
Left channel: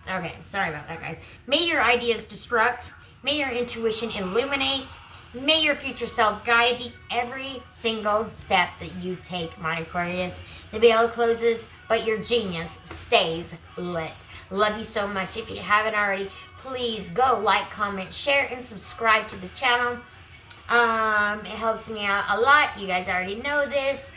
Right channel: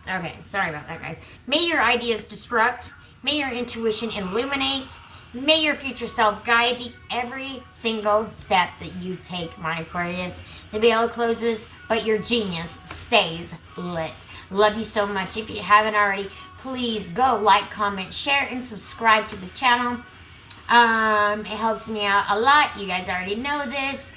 Okay, sorry about that, guys. May your ideas destruct. May your intuition illuminate. May your future self guide every single step that you take, my Aquarius. The veil closes, but your genius stays lit. Love you so much. If you haven't already, please go like, comment, share, and subscribe to the channel. It helps me out a lot. You guys already know this.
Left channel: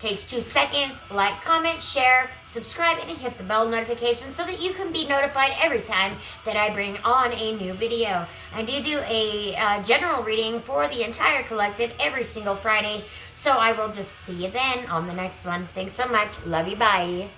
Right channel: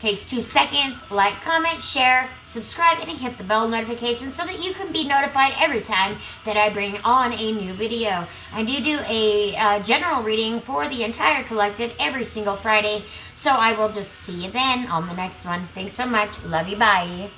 Takes 2 seconds. Like, comment, share, subscribe, and hit the bell notification so that you can be notified every time that I bring on a new video. I do a general reading for the entire collective every single Friday. So I will just see you then on the next one. Thanks so much. Love you. Bye.